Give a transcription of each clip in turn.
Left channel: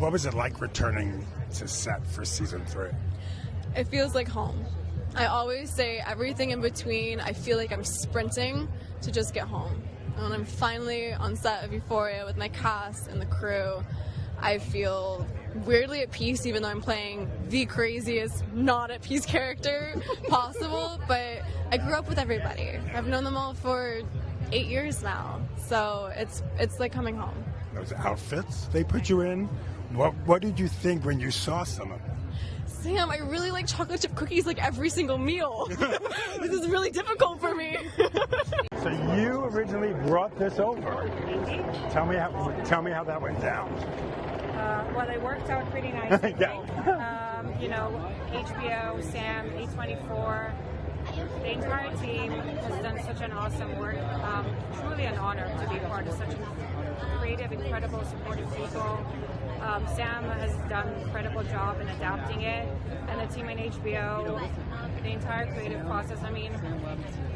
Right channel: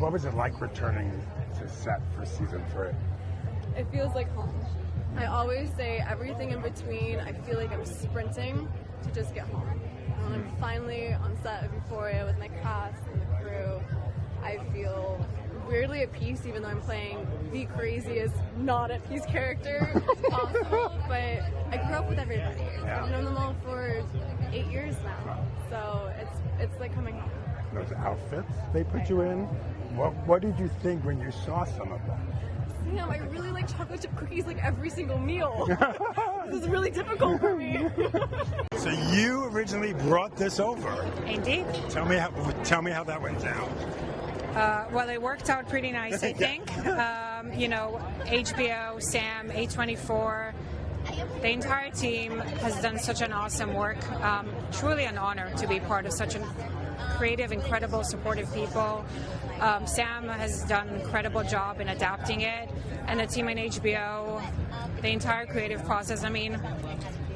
What was it like returning to set for season 3? It feels like home. I always say everything in between, I feel like I'm sprinting to just get home. And when I'm finally on set of Euphoria with my cast and the crew, I feel weirdly at peace, even though I'm playing the craziest not at peace character possible. But I grew up with everybody. I've known them all for 8 years now, so it's like coming home. Those outfits they put you in, what did you think when you saw some of them? Sam, I really like chocolate chip cookies like every single meal. This is really difficult for me. So you originally brought this over. Indeed. Tell me how that went down. Well, it worked out pretty nice, I think. HBO, Sam, A24, the entire team has done such an awesome work. Truly an honor to be part of such a creative, incredible, supportive people. Sam has done an incredible job in adapting it, and the team in HBO, the entire creative process. I mean,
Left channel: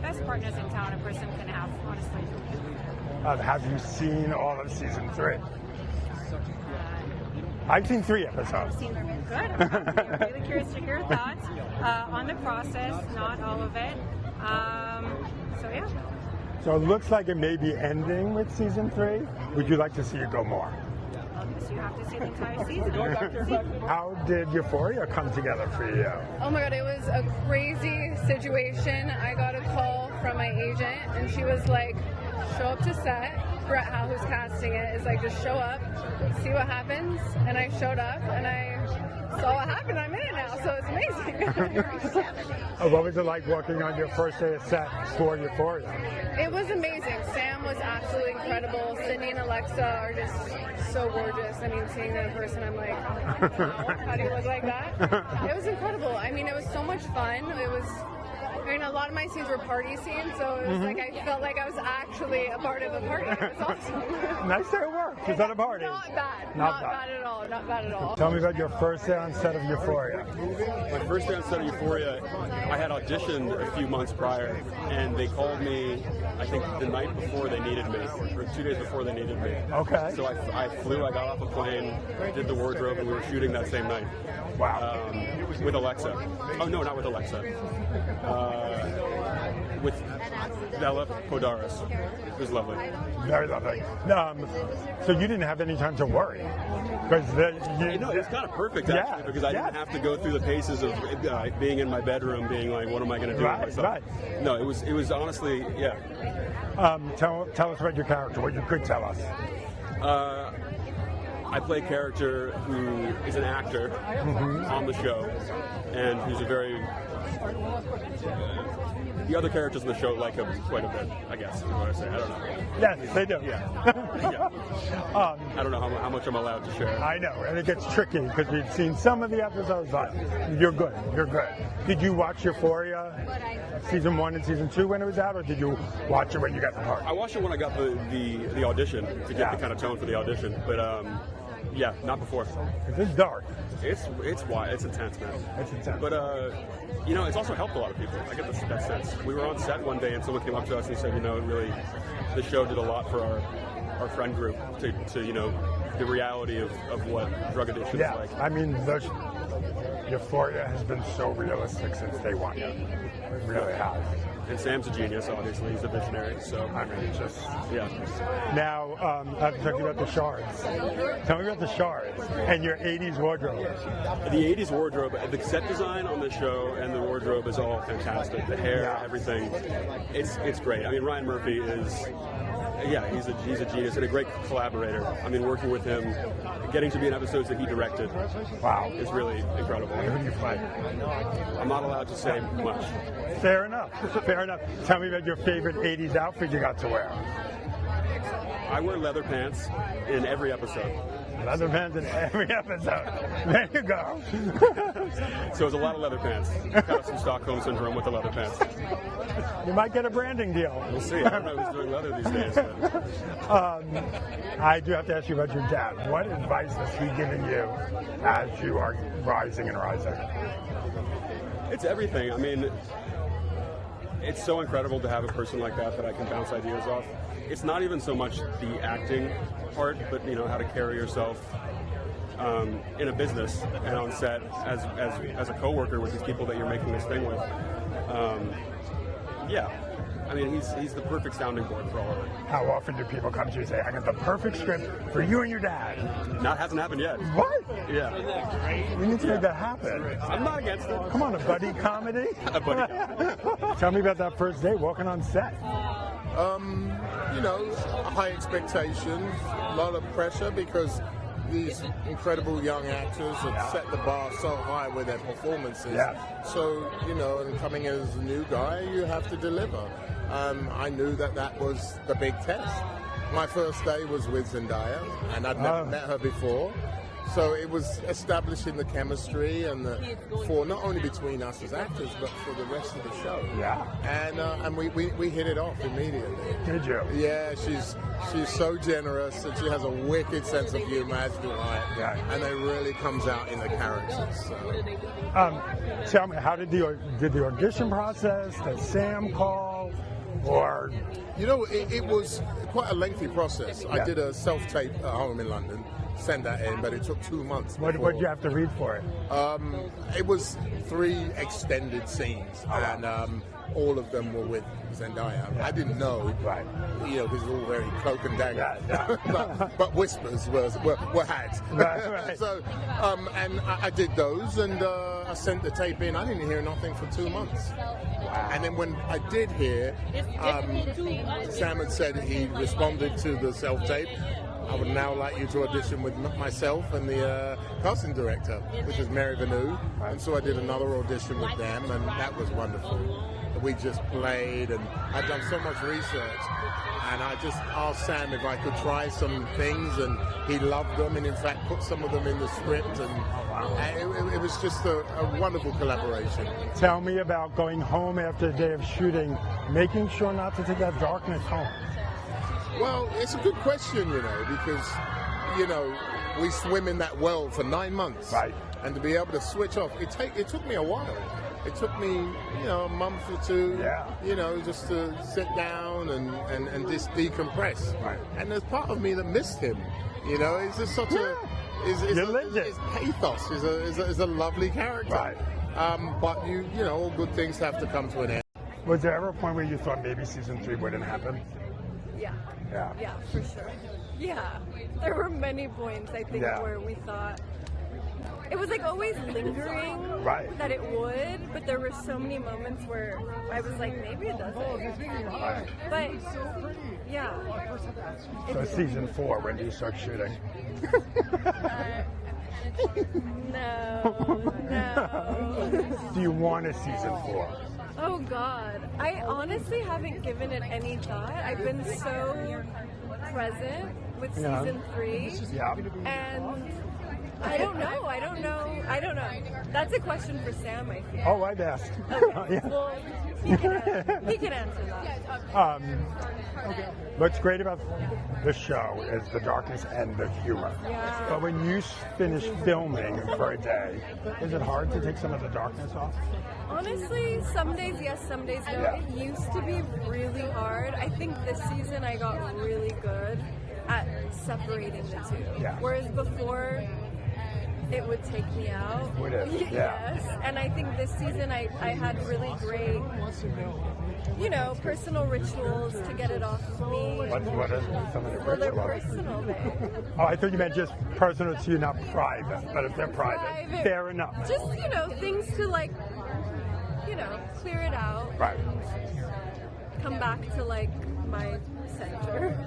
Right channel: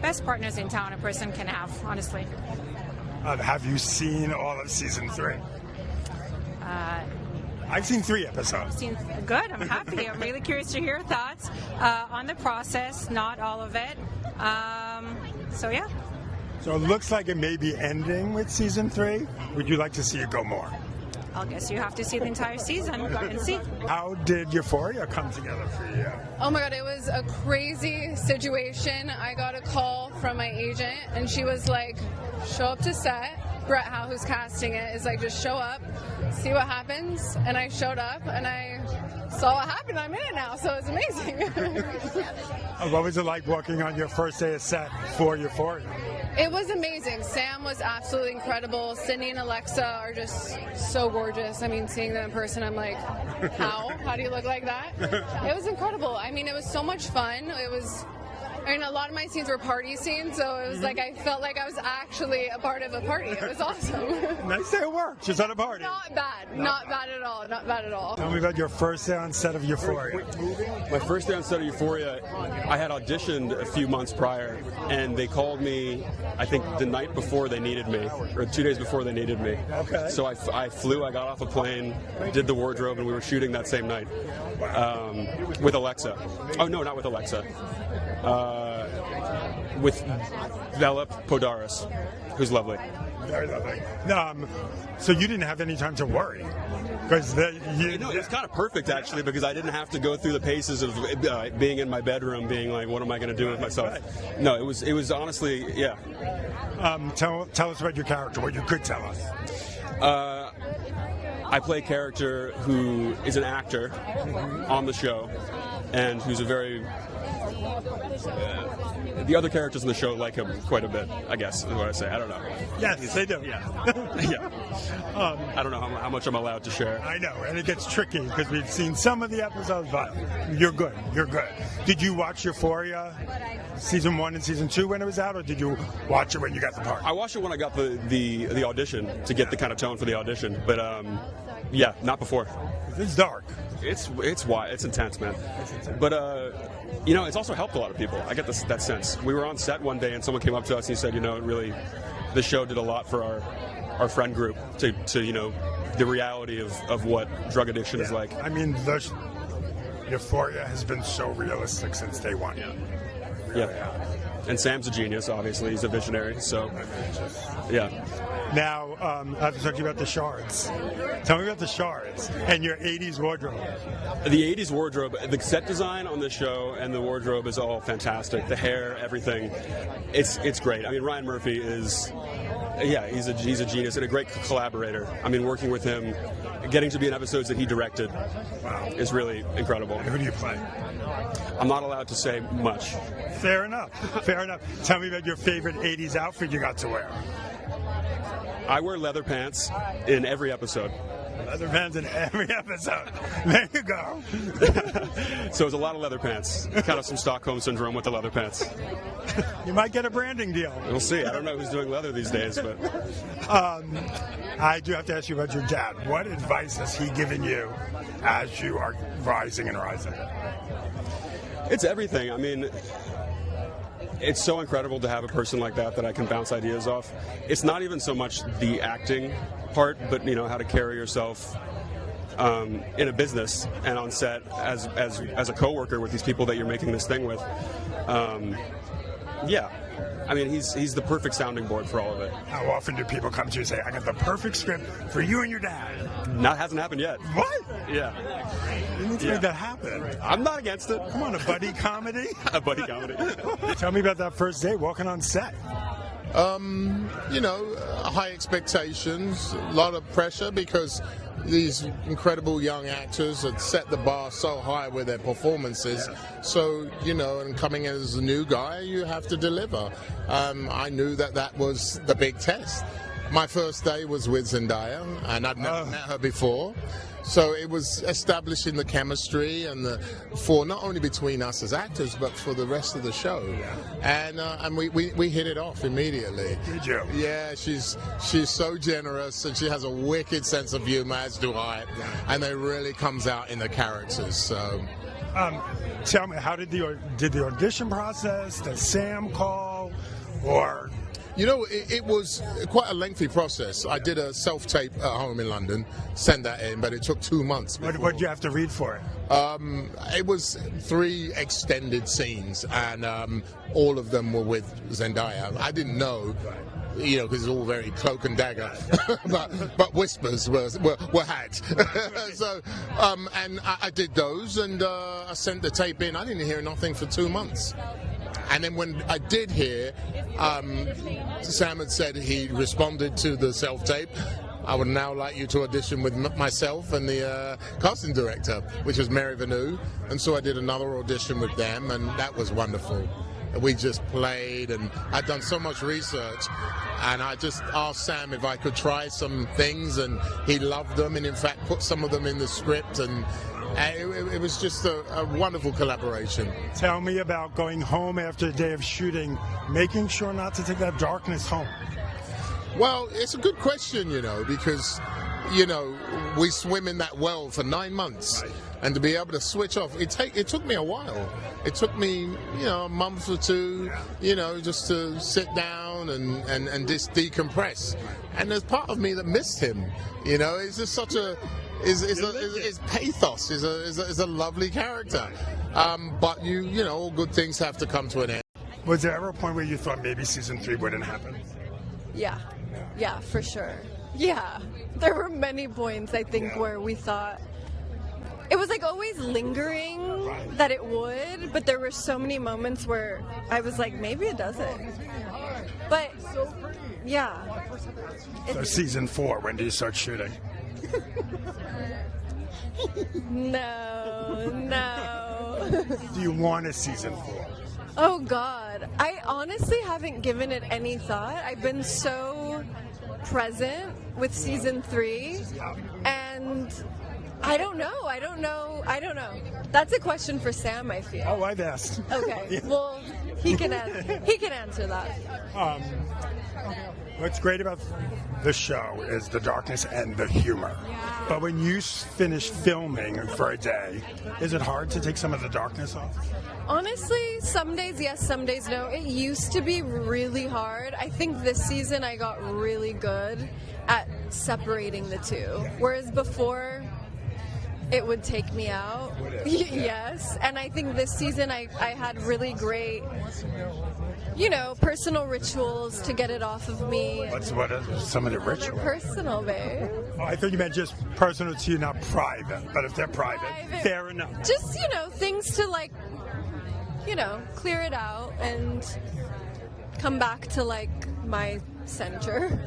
best partners in town a person can have, honestly. Have you seen all of season 3? I've seen 3 episodes. Good. I'm happy. I'm really curious to hear your thoughts on the process, not all of it. So, yeah. So it looks like it may be ending with season 3. Would you like to see it go more? I guess you have to see the entire season and see. How did Euphoria come together for you? Oh my god, it was a crazy situation. I got a call from my agent, and she was like, show up to set. Brett Howe, who's casting it, is like, just show up, see what happens. And I showed up, and I saw what happened. I'm in it now, so it's amazing. What was it like working on your first day of set for Euphoria? It was amazing. Sam was absolutely incredible. Sydney and Alexa are just so gorgeous. I mean, seeing them in person, I'm like, how? How do you look like that? It was incredible. I mean, it was so much fun. A lot of my scenes were party scenes, so it was like I felt like I was actually a part of a party. It was awesome. Nice day at work. Just at a party. Not bad. Not bad at all. Not bad at all. Tell me about your first day on set of Euphoria. My first day on set of Euphoria, I had auditioned a few months prior, and they called me, I think, the night before they needed me, or 2 days before they needed me. Okay. So I flew, I got off a plane, did the wardrobe, and we were shooting that same night. Wow. With Alexa. Oh, no, not with Alexa. With Velip Podaris, who's lovely. Very lovely. So you didn't have any time to worry, because it was kind of perfect actually, because I didn't have to go through the paces of being in my bedroom, being like, what am I going to do with myself? Right. No, it was honestly, yeah. Tell us about your character, what you could tell us. I play a character who is an actor on the show, and who's a very. The other characters in the show like him quite a bit, I guess, is what I say. I don't know. Yes, they do. Yeah. Yeah. I don't know how much I'm allowed to share. I know, and it gets tricky because we've seen some of the episodes, but you're good. You're good. Did you watch Euphoria season 1 and season 2 when it was out, or did you watch it when you got the part? I watched it when I got the audition to get the kind of tone for the audition, but yeah, not before. It's dark. It's wild. It's intense, man. It's intense. But it's also helped a lot of people. I get that sense. We were on set one day, and someone came up to us and he said, it really, the show did a lot for our friend group to the reality of what drug addiction is like. I mean, Euphoria has been so realistic since day one. Yeah. Really have. And Sam's a genius, obviously. He's a visionary, so, yeah. Now, I have to talk to you about the shards. Tell me about the shards and your 80s wardrobe. The 80s wardrobe, the set design on the show and the wardrobe is all fantastic. The hair, everything. It's great. I mean, Ryan Murphy is, he's a genius and a great collaborator. I mean, working with him, getting to be in episodes that he directed, is really incredible. Who do you play? I'm not allowed to say much. Fair enough. Fair enough. Tell me about your favorite 80s outfit you got to wear. I wear leather pants in every episode. Leather pants in every episode. There you go. So it's a lot of leather pants. Kind of some Stockholm syndrome with the leather pants. You might get a branding deal. We'll see. I don't know who's doing leather these days. But. I do have to ask you about your dad. What advice has he given you as you are rising and rising? It's everything. I mean, it's so incredible to have a person like that I can bounce ideas off. It's not even so much the acting part, but how to carry yourself in a business and on set as a coworker with these people that you're making this thing with. Yeah. I mean, he's the perfect sounding board for all of it. How often do people come to you and say, I got the perfect script for you and your dad? That hasn't happened yet. What? Yeah. You need to make that happen. I'm not against it. Come on, a buddy comedy? A buddy comedy. Tell me about that first date walking on set. You know, high expectations, a lot of pressure because these incredible young actors that set the bar so high with their performances. Yeah. So, you know, and coming in as a new guy, you have to deliver. I knew that was the big test. My first day was with Zendaya, and I'd never met her before. So it was establishing the chemistry and for not only between us as actors, but for the rest of the show. Yeah. And we hit it off immediately. Did you? Yeah, she's so generous, and she has a wicked sense of humor, as do I. Yeah. And it really comes out in the characters. So. Tell me, how did the audition process, the Sam call, or? You know, it was quite a lengthy process. I did a self-tape at home in London, send that in, but it took 2 months. What did you have to read for it? It was 3 extended scenes, and all of them were with Zendaya. I didn't know, you know, because it's all very cloak and dagger, but whispers were had. Right. So, and I did those, and I sent the tape in. I didn't hear nothing for 2 months. And then when I did hear, Sam had said he responded to the self-tape. I would now like you to audition with myself and the casting director, which was Meredith Mickelson. And so I did another audition with them, and that was wonderful. We just played, and I'd done so much research, and I just asked Sam if I could try some things, and he loved them, and in fact put some of them in the script, and it was just a wonderful collaboration. Tell me about going home after a day of shooting, making sure not to take that darkness home. Well, it's a good question, you know, because, you know, we swim in that well for 9 months. Right. And to be able to switch off, it took me a while. It took me, you know, a month or two, you know, just to sit down and just decompress. Right. And there's part of me that missed him. You know, it's just such his pathos is a lovely character. Right. But you know, all good things have to come to an end. Was there ever a point where you thought maybe season 3 wouldn't happen? Yeah, for sure. Yeah, there were many points I think where we thought it was like always lingering that it would, but there were so many moments where I was like, maybe it doesn't. But yeah. So season 4, when do you start shooting? No. Do you want a season 4? Oh God, I honestly haven't given it any thought. I've been so present with season 3, and I don't know. That's a question for Sam, I feel. Oh, I've asked. Okay, well, he can answer that. What's great about the show is the darkness and the humor. But when you finish filming for a day, is it hard to take some of the darkness off? Honestly, some days yes, some days no. It used to be really hard. I think this season I got really good at separating the two. Whereas before, it would take me out. Yes. And I think this season I had really great, you know, personal rituals to get it off of me. What are some of the rituals? They're personal, babe. Oh, I thought you meant just personal to you, not private. But if they're private, fair enough. Just, you know, things to like, you know, clear it out and come back to like my center.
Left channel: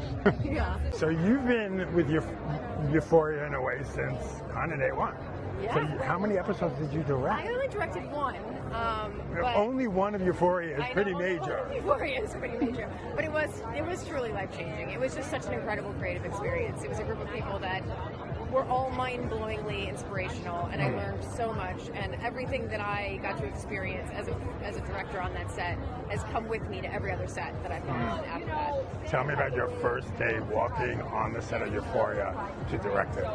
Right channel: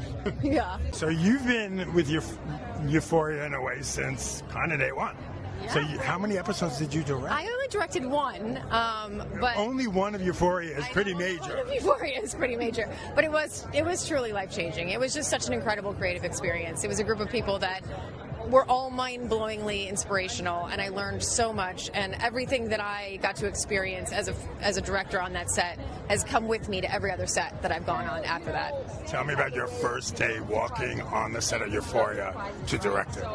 Yeah. So you've been with Euphoria in a way since kind of day 1. Yeah. So how many episodes did you direct? I only directed 1, but only one of Euphoria is pretty major. Euphoria is pretty major, but it was truly life-changing. It was just such an incredible creative experience. It was a group of people that were all mind-blowingly inspirational, and I learned so much, and everything that I got to experience as a director on that set has come with me to every other set that I've gone on after that. Tell me about your first day walking on the set of Euphoria to direct it.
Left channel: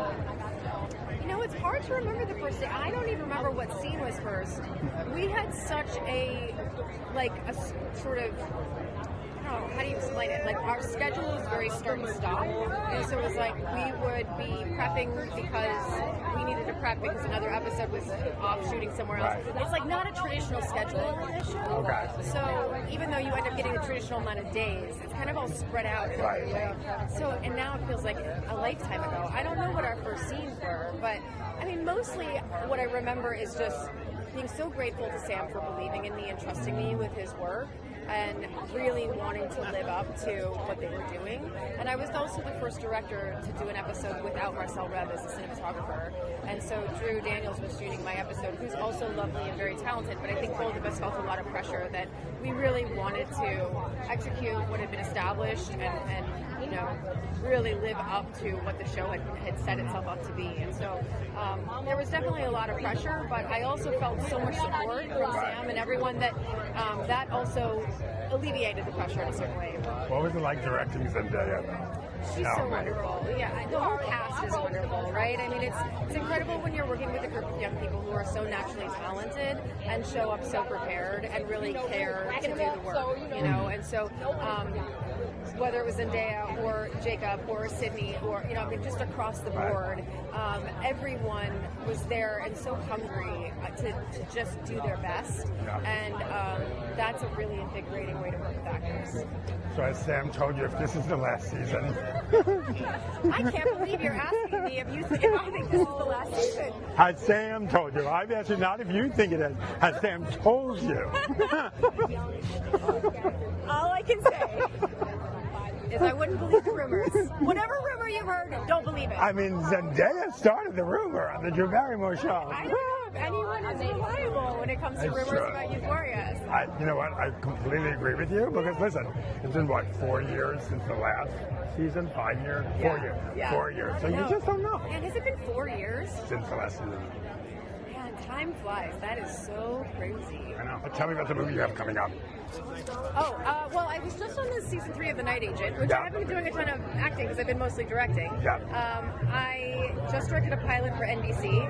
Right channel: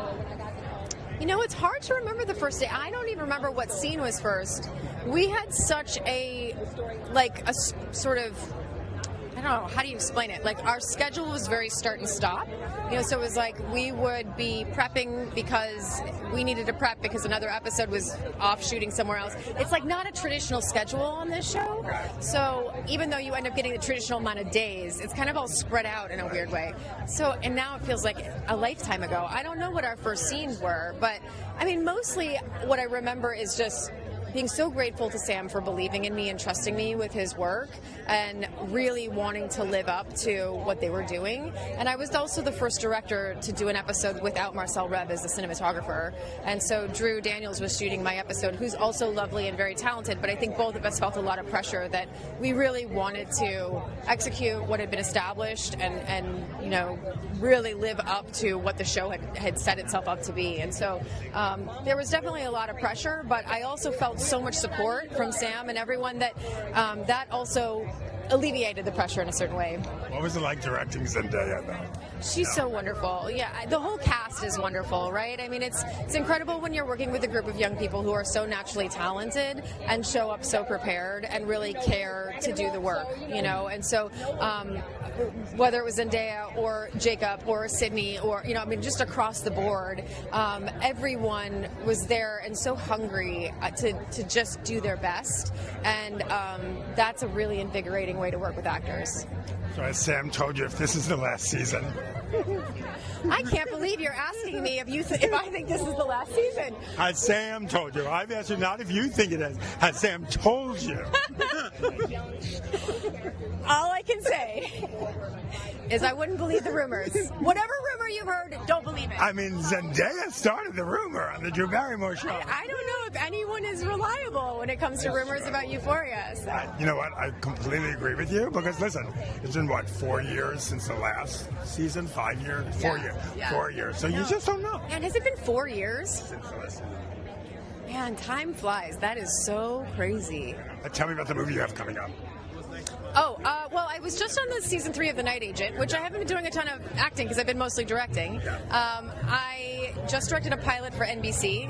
You know, it's hard to remember the first day. I don't even remember what scene was first. We had such a sort of, I don't know, how do you explain it? Like, our schedule was very start and stop. So it was like we would be prepping because we needed to prep because another episode was off shooting somewhere else. It's like not a traditional schedule on this show. So even though you end up getting the traditional amount of days, it's kind of all spread out in a weird way. So, and now it feels like a lifetime ago. I don't know what our first scenes were, but I mean, mostly what I remember is just being so grateful to Sam for believing in me and trusting me with his work and really wanting to live up to what they were doing. And I was also the first director to do an episode without Marcel Rev as the cinematographer. And so Drew Daniels was shooting my episode, who's also lovely and very talented, but I think both of us felt a lot of pressure that we really wanted to execute what had been established and really live up to what the show had set itself up to be. And so there was definitely a lot of pressure, but I also felt so much support from Sam and everyone that that also alleviated the pressure in a certain way. What was it like directing Zendaya? She's so wonderful. Yeah, the whole cast is wonderful, right? I mean, it's incredible when you're working with a group of young people who are so naturally talented and show up so prepared and really care to do the work, And so whether it was Zendaya or Jacob or Sydney or, just across the board, everyone was there and so hungry to just do their best. And that's a really invigorating way to work with actors. So as Sam told you, if this is the last season. I can't believe you're asking me if I think this is the last season. Has Sam told you? I've asked you not if you think it is. Has Sam told you? All I can say is I wouldn't believe the rumors. Whatever rumor you've heard, don't believe it. I mean, Zendaya started the rumor on the Drew Barrymore show. I don't know if anyone is reliable when it comes to rumors about Euphoria. So. You know what? I completely agree with you because listen, it's been 4 years since the last season? 5 years? 4 years. Yeah. 4 years. So you just don't know. Man, has it been 4 years? Since the last season. Man, time flies. That is so crazy. But tell me about the movie you have coming on. Oh, well, I was just on the season 3 of The Night Agent, which I haven't been doing a ton of acting because I've been mostly directing. I just directed a pilot for NBC.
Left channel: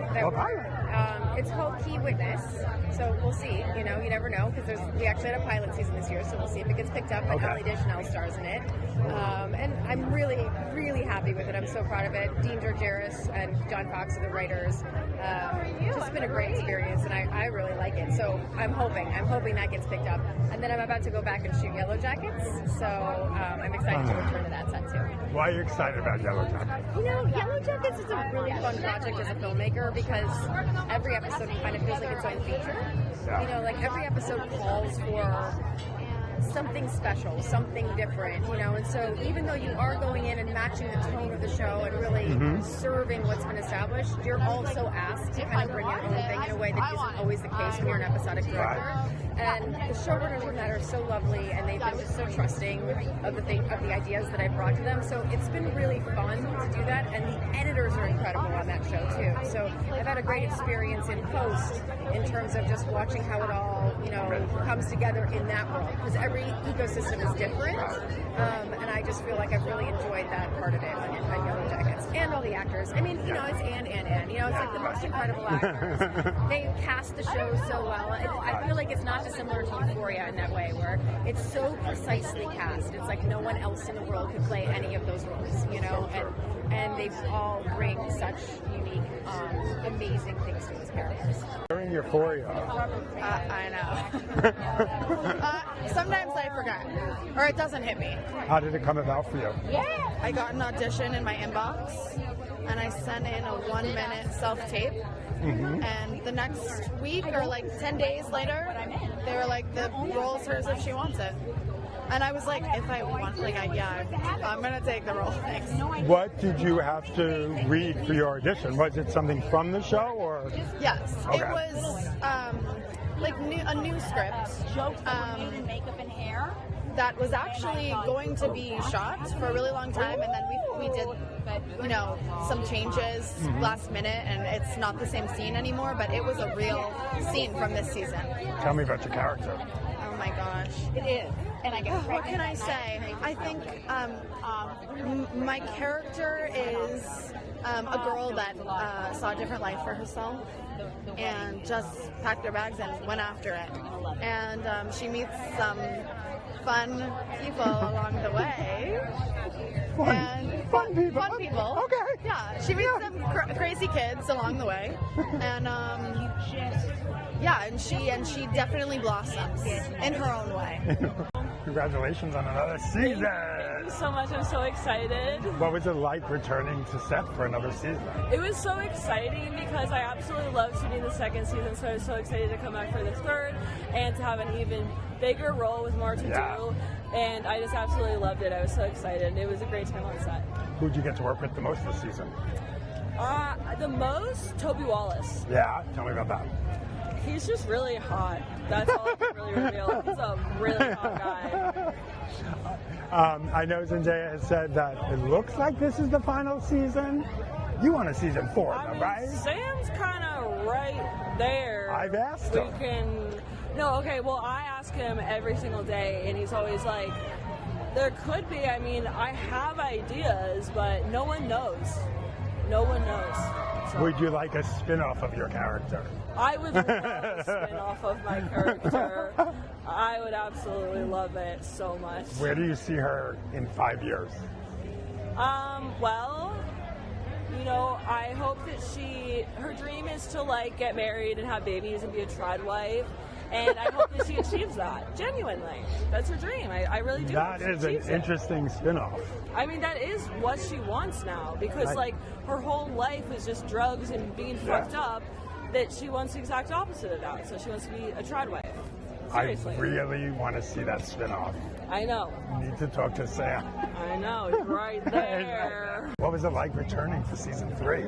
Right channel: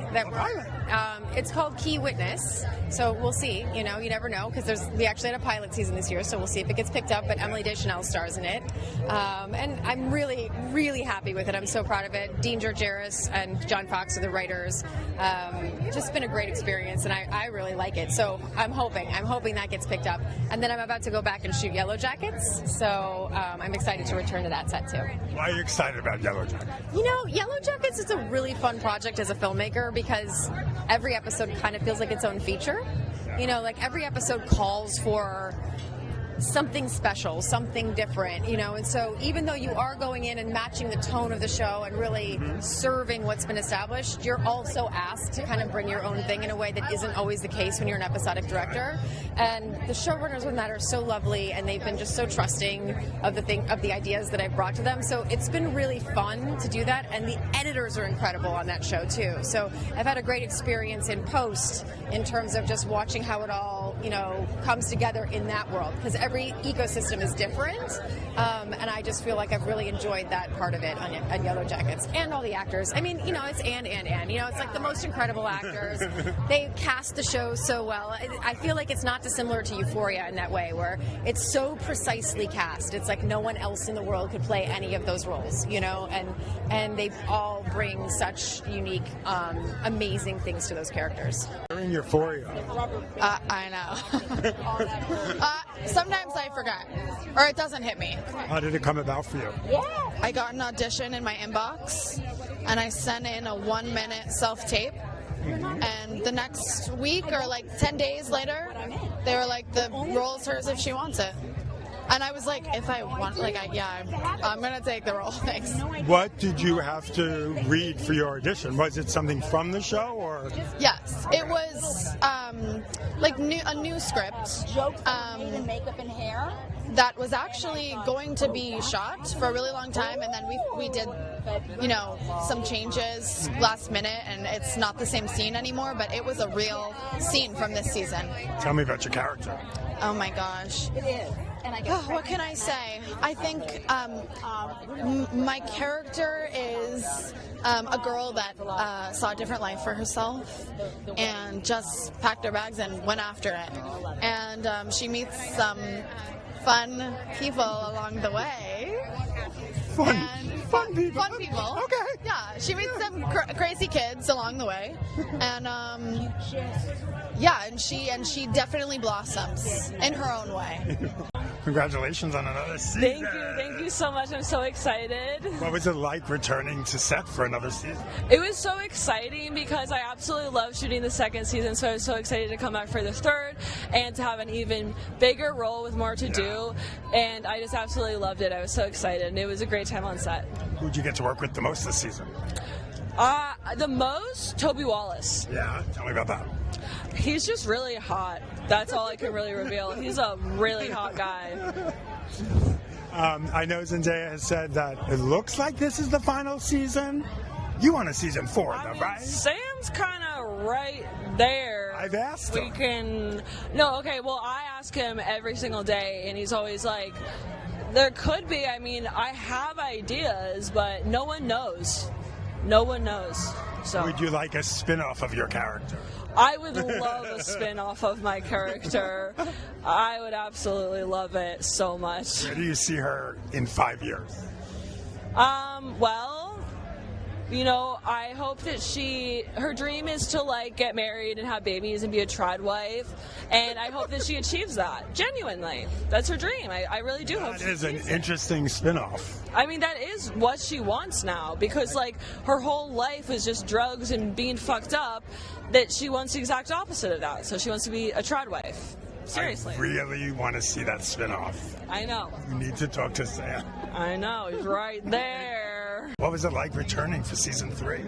It's called Key Witness, so we'll see. You never know because we actually had a pilot season this year, so we'll see if it gets picked up. But Emily Deschanel stars in it, and I'm really, really happy with it. I'm so proud of it. Dean Georgeris and John Fox are the writers. Just been a great experience, and I really like it. So I'm hoping that gets picked up, and then I'm about to go back and shoot Yellow Jackets. So I'm excited to return to that set too. Why are you excited about Yellow Jackets? Yellow Jackets is a really fun project as a filmmaker because every episode kind of feels like its own feature. Like every episode calls for something special, something different, and so even though you are going in and matching the tone of the show and really serving what's been established, you're also asked to kind of bring your own thing in a way that isn't always the case when you're an episodic director. And the showrunners on that are so lovely, and they've been just so trusting of the ideas that I brought to them. So it's been really fun to do that, and the editors are incredible on that show too. So I've had a great experience in post in terms of just watching how it all comes together in that world, because every ecosystem is different, and I just feel like I've really enjoyed that part of it on Yellow Jackets, and all the actors. I mean, it's and it's like the most incredible actors. They cast the show so well. I feel like it's not dissimilar to Euphoria in that way, where it's so precisely cast. It's like no one else in the world could play any of those roles, and they all bring such unique, amazing things to those characters. In Euphoria. I know. Sometimes I forgot, or it doesn't hit me. How did it come about for you? I got an audition in my inbox, and I sent in a 1-minute self-tape. And the next week, or 10 days later, they were like, the role's hers if she wants it. And I was like, if I want, I'm going to take the role. Thanks. What did you have to read for your audition? Was it something from the show, or? Yes, it was a new script. Makeup and hair. That was actually going to be shot for a really long time, and then we did you know, some changes last minute, and it's not the same scene anymore, but it was a real scene from this season. Tell me about your character. Oh my gosh. It is. And I guess What can I say? I think my character is a girl that saw a different life for herself and just packed her bags and went after it. And she meets some fun people along the way. Fun people. Fun people. Okay. Yeah, she meets some crazy kids along the way. And yeah, and she definitely blossoms in her own way. Congratulations on another season. Thank you so much. I'm so excited. What was it like returning to set for another season? It was so exciting because I absolutely love shooting the second season, so I'm so excited to come back for the third and to have an even bigger role with more to do. And I just absolutely loved it. I was so excited. And it was a great time on set. Who'd you get to work with the most this season? The most? Toby Wallace. Yeah, tell me about that. He's just really hot. That's all I can really reveal. He's a really hot guy. I know Zendaya has said that it looks like this is the final season. You want a season 4, though, right? Sam's kind of right there. I've asked him. No, okay, well, I ask him every single day, and he's always like, there could be, I mean, I have ideas, but no one knows. No one knows. So. Would you like a spin-off of your character? I would love a spin-off of my character. I would absolutely love it so much. Where do you see her in 5 years? Well, you know, I hope that her dream is to, like, get married and have babies and be a trad wife. And I hope that she achieves that, genuinely. That's her dream. I really do hope she achieves it. That is an interesting spin-off. I mean, that is what she wants now, because, like, her whole life is just drugs and being fucked up, that she wants the exact opposite of that. So she wants to be a trad wife. Seriously. I really want to see that spin-off. I know. We need to talk to Sam. I know, it's right there. What was it like returning for season 3?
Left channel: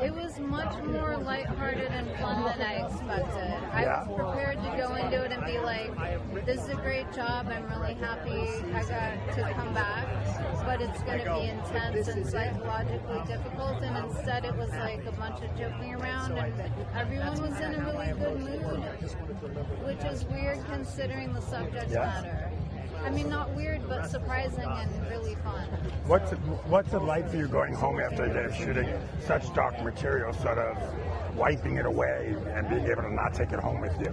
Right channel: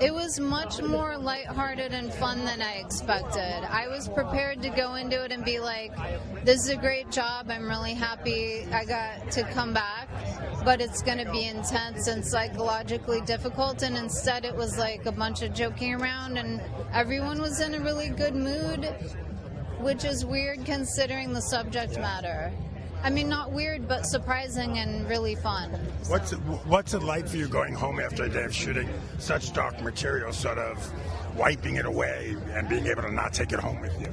It was much more lighthearted and fun than I expected. I was prepared to go into it and be like, this is a great job. I'm really happy I got to come back. But it's going to be intense and psychologically difficult. And instead it was like a bunch of joking around and everyone was in a really good mood, which is weird considering the subject matter. I mean, not weird, but surprising and really fun. What's it like for you going home after a day of shooting such dark material, sort of wiping it away and being able to not take it home with you?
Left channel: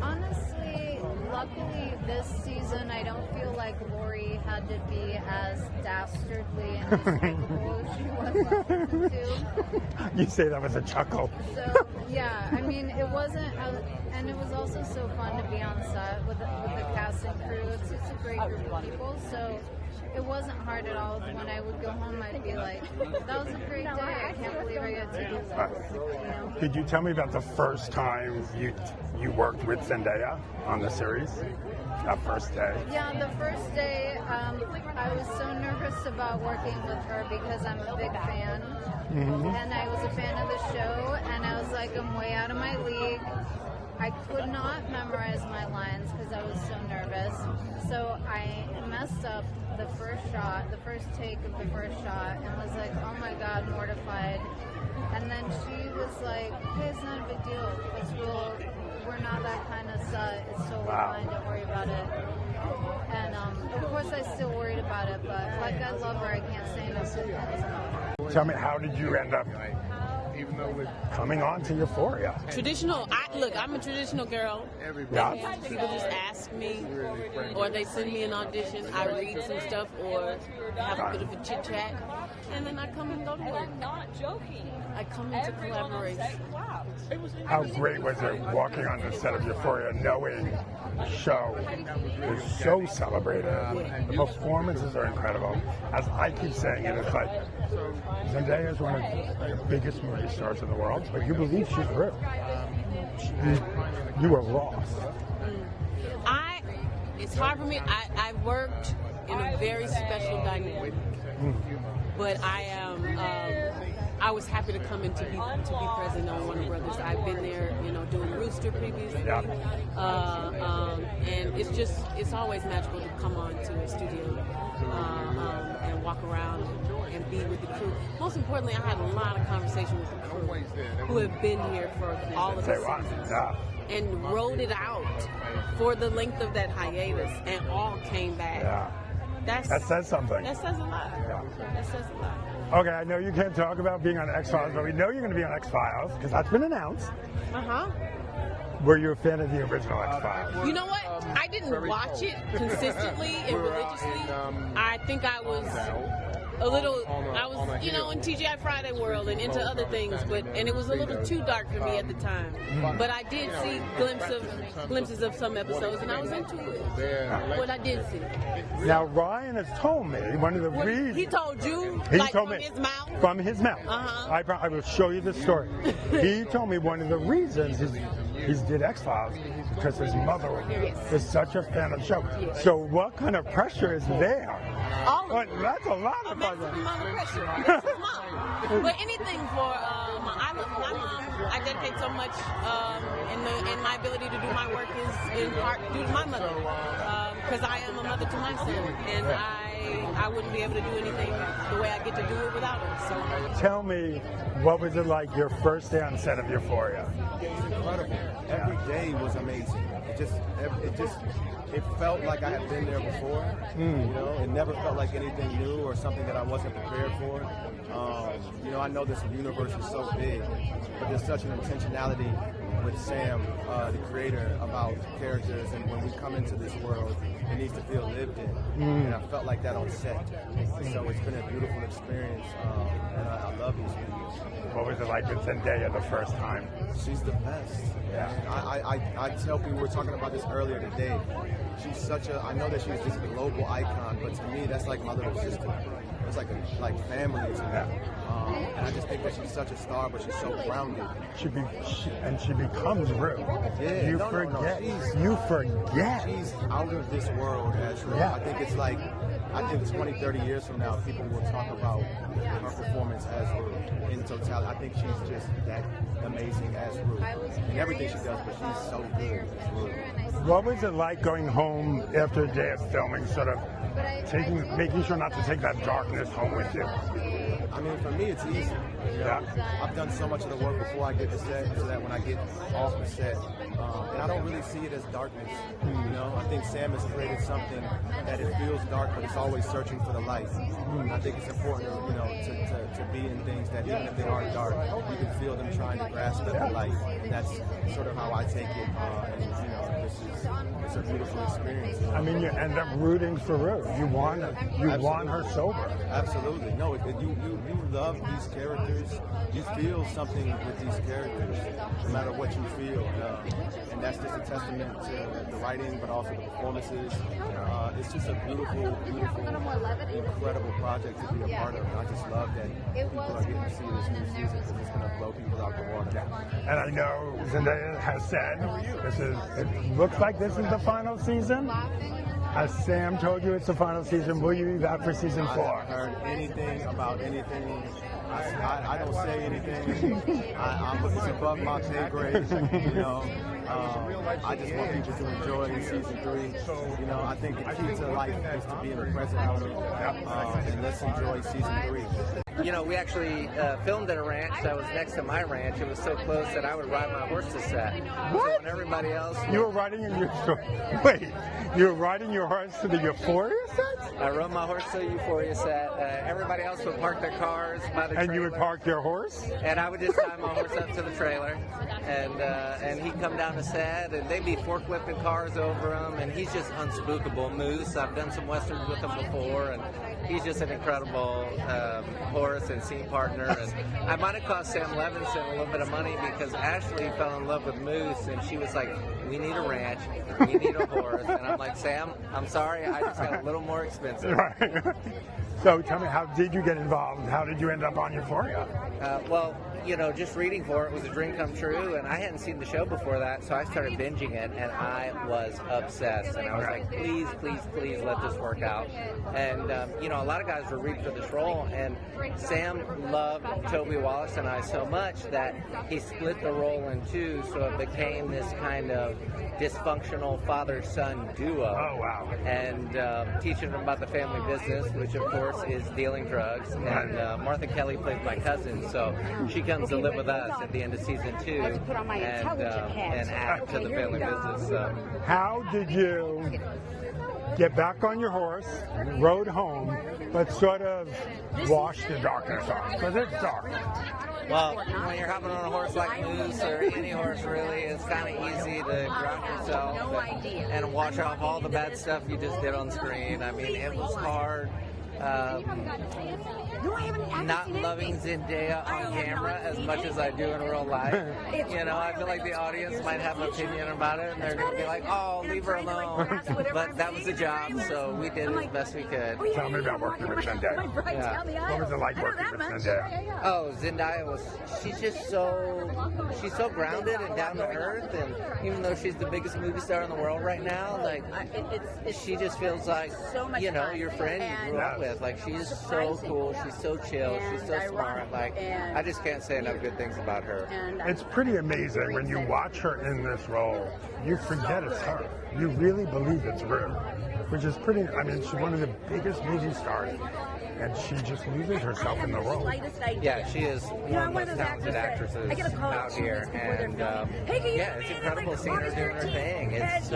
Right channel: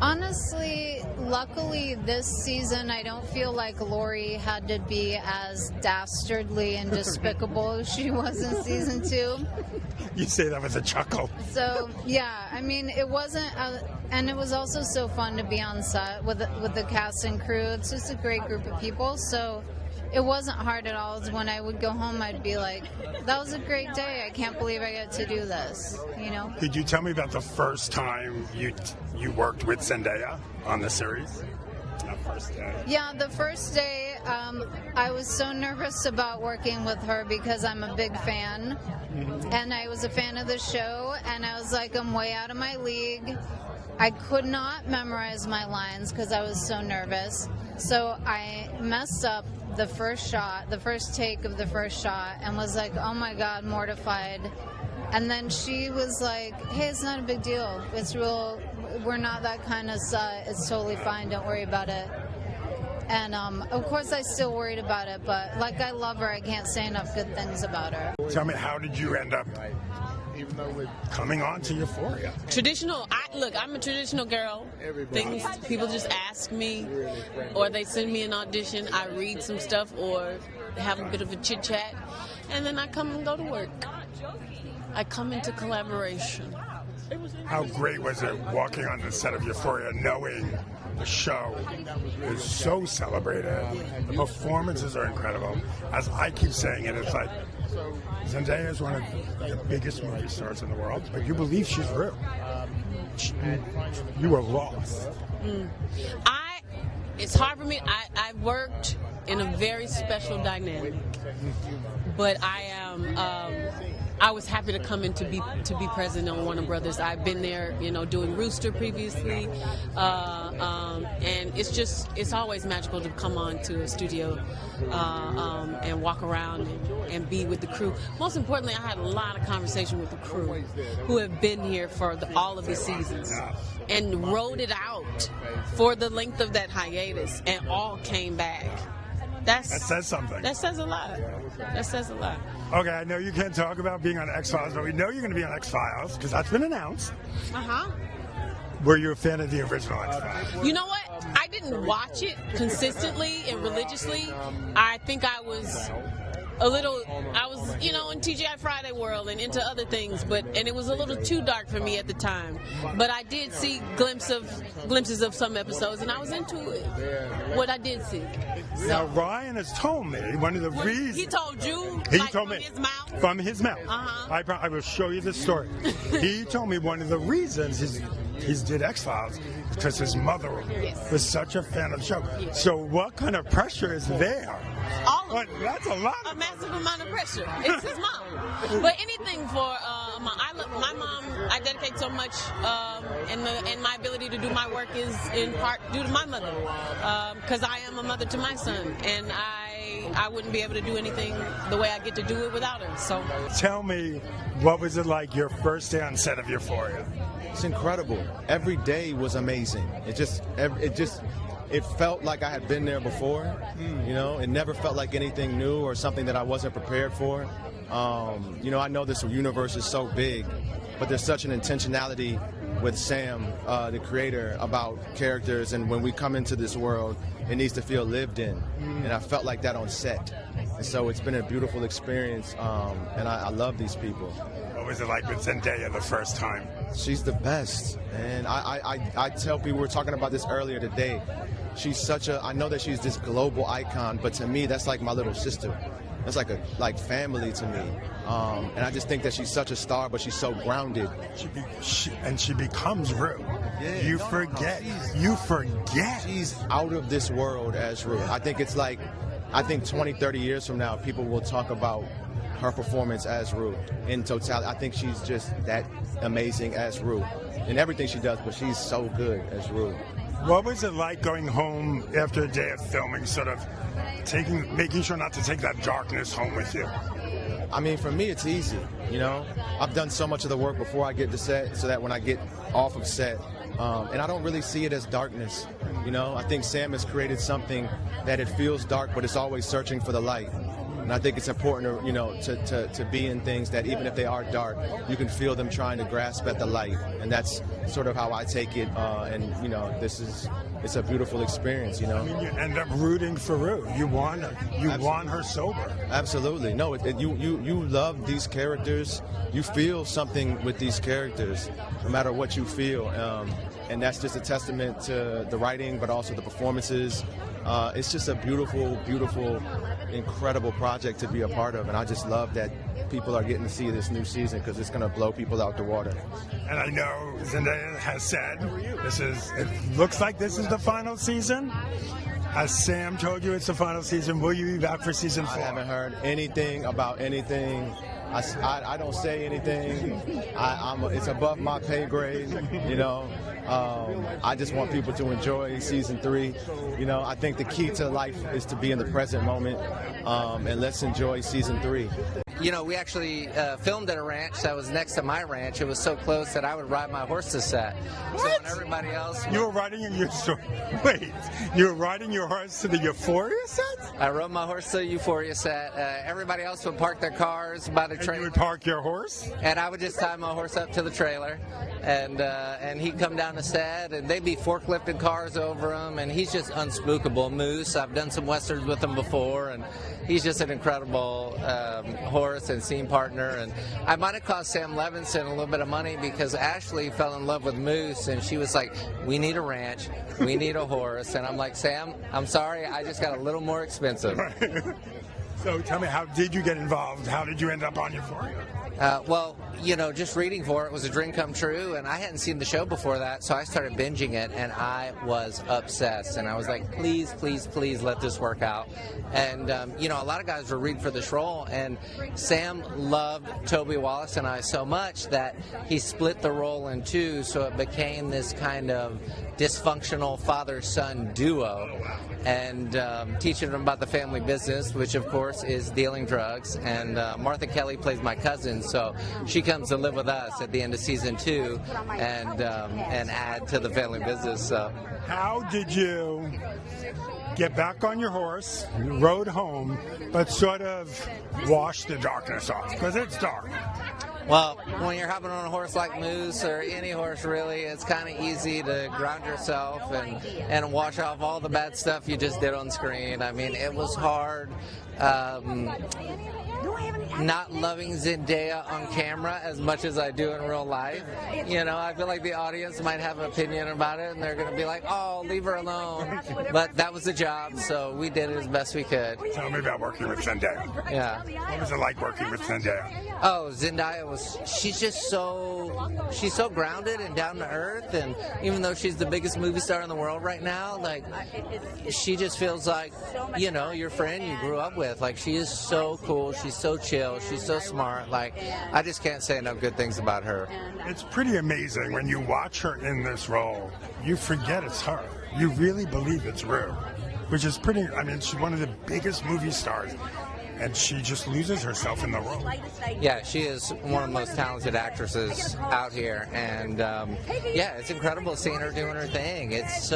Honestly, luckily this season I don't feel like Lori had to be as dastardly and despicable as she was in season 2. You say that with a chuckle. So, yeah, I mean, it wasn't, and it was also so fun to be on set with the cast and crew. It's just a great group of people, so it wasn't hard at all. When I would go home, I'd be like, that was a great day. I can't believe I get to do this, you know? Could you tell me about the first time you worked with Zendaya on the series? That first day. Yeah, the first day, I was so nervous about working with her because I'm a big fan. And I was a fan of the show, and I was like, I'm way out of my league. I could not memorize my lines because I was so nervous. So I messed up the first shot, the first take of the first shot, and was like, oh my God, mortified. And then she was like, hey, it's not a big deal. It's real. We're not that kind of set. It's totally fine. Don't worry about it. And of course I still worried about it, but like I love her, I can't say enough good things about her. Tell me, how did you end up coming on to Euphoria? Traditional, I'm a traditional girl. People just ask me, or they send me an audition, I read some stuff, or have a bit of a chit chat, and then I come and go to work. I come into collaboration. How great was it walking on the set of Euphoria, knowing the show was so celebrated? The performances are incredible. As I keep saying it, it's like Zendaya is one of the biggest movie stars in the world, but you believe she's real. You were lost. It's hard for me. I worked in a very special dynamic, but I am I was happy to come in to be present on Warner Brothers. I've been there, doing Rooster previously, and it's always magical to come on to a studio and walk around and be with the crew. Most importantly, I had a lot of conversation with the crew who have been here for all of the seasons and rode it out for the length of that hiatus and all came back. That says something. That says a lot. That says a lot. Okay, I know you can't talk about being on X-Files, but we know you're going to be on X-Files because that's been announced. Were you a fan of the original X-Files? You know what? I didn't watch it consistently and religiously. I think I was a little, in TGI Friday world and into other things, and it was a little too dark for me at the time. But I did see glimpses of some episodes, and I was into it. What I did see. Now, Ryan has told me one of the reasons. He told you? He told me. From his mouth. I will show you the story. He told me one of the reasons he did X-Files because his mother was such a fan of the show. So what kind of pressure is there? That's a lot of pressure. It's his mom. But anything for my mom, I dedicate so much in my ability to do my work is in part due to my mother. Because I am a mother to my son, and I wouldn't be able to do anything the way I get to do it without her. So tell me, what was it like your first day on set of Euphoria? It's incredible. Every day was amazing. It felt like I had been there before. It never felt like anything new or something that I wasn't prepared for. I know this universe is so big, but there's such an intentionality with Sam, the creator, about characters, and when we come into this world, it needs to feel lived in. And I felt like that on set. So it's been a beautiful experience, and I love these people. What was it like with Zendaya the first time? She's the best, and I tell people, we were talking about this earlier today, she's I know that she's this global icon, but to me, that's like my little sister. That's like family to me. And I just think that she's such a star, but she's so grounded. She becomes real. Yeah. You forget. She's out of this world as real. I think 20, 30 years from now, people will talk about her performance as Rue in totality. I think she's just that amazing as Rue in everything she does, but she's so good as Rue. What was it like going home after a day of filming, sort of making sure not to take that darkness home with you? I mean, for me, it's easy. I've done so much of the work before I get to set, so that when I get off of set, and I don't really see it as darkness. I think Sam has created something that it feels dark, but it's always searching for the light. And I think it's important, to be in things that even if they are dark, you can feel them trying to grasp at the light. And that's sort of how I take it. It's a beautiful experience. I mean, you end up rooting for Rue. You want her. You want her sober. Absolutely. No, you love these characters. You feel something with these characters, no matter what you feel. And that's just a testament to the writing, but also the performances. It's just a beautiful, beautiful, incredible project to be a part of, and I just love that people are getting to see this new season because it's going to blow people out the water. And I know Zendaya has said it looks like this is the final season. Has Sam told you it's the final season? Will you be back for season 4? I haven't heard anything about anything. I don't say anything. It's above my pay grade, I just want people to enjoy season 3. I think the key to life is to be in the present moment, and let's enjoy season 3. We actually filmed at a ranch that was next to my ranch. It was so close that I would ride my horse to set. What? So everybody else. You were riding you were riding your horse to the Euphoria set? I rode my horse to the Euphoria set. Everybody else would park their cars by the trailer. And you would park your horse? And I would just tie my horse up to the trailer. And he'd come down the set, and they'd be forklifting cars over him, and he's just unspookable. Moose, I've done some westerns with him before, and he's just an incredible horse and scene partner. And I might have cost Sam Levinson a little bit of money because Ashley fell in love with Moose, and she was like, we need a ranch, we need a horse. And I'm like, Sam, I'm sorry, I just got a little more expensive. So tell me, how did you get involved? How did you end up on Euphoria? Well, just reading for it was a dream come true, and I hadn't seen the show before that, so I started binging it, and I was obsessed, and I was like, please, please, please let this work out. And, a lot of guys were rooting for this role, and Sam loved Toby Wallace and I so much that he split the role in two, so it became this kind of dysfunctional father-son duo. Oh, wow. And teaching them about the family business, which of course is dealing drugs. And Martha Kelly plays my cousin, so she comes to live with us at the end of season 2 and add to the family business. How did you get back on your horse, rode home, but sort of wash the darkness off? Because it's dark. Well, when you're hopping on a horse like Moose or any horse really, it's kind of easy to ground yourself and wash off all the bad stuff you just did on screen. I mean, it was hard. Not loving Zendaya on camera as much as I do in real life. I feel like the audience might have an opinion about it, and they're going to be like, oh, leave her alone. But that was the job, so we did it as best we could. Tell me about working with Zendaya. Yeah. What was it like working with Zendaya? Oh, Zendaya she's just she's so grounded and down to earth, and even though she's the biggest movie star in the world right now, like, she just feels like, your friend you grew up with. Like, she is so cool, she's so chill, she's so smart. Like, I just can't say enough good things about her. It's pretty amazing when you watch her in this role. You forget it's her. You really believe it's Rue, which is pretty, she's one of the biggest movie stars. And she just loses herself in the role. Yeah, she is one of the most talented actresses out here, and it's incredible seeing her doing her thing. It's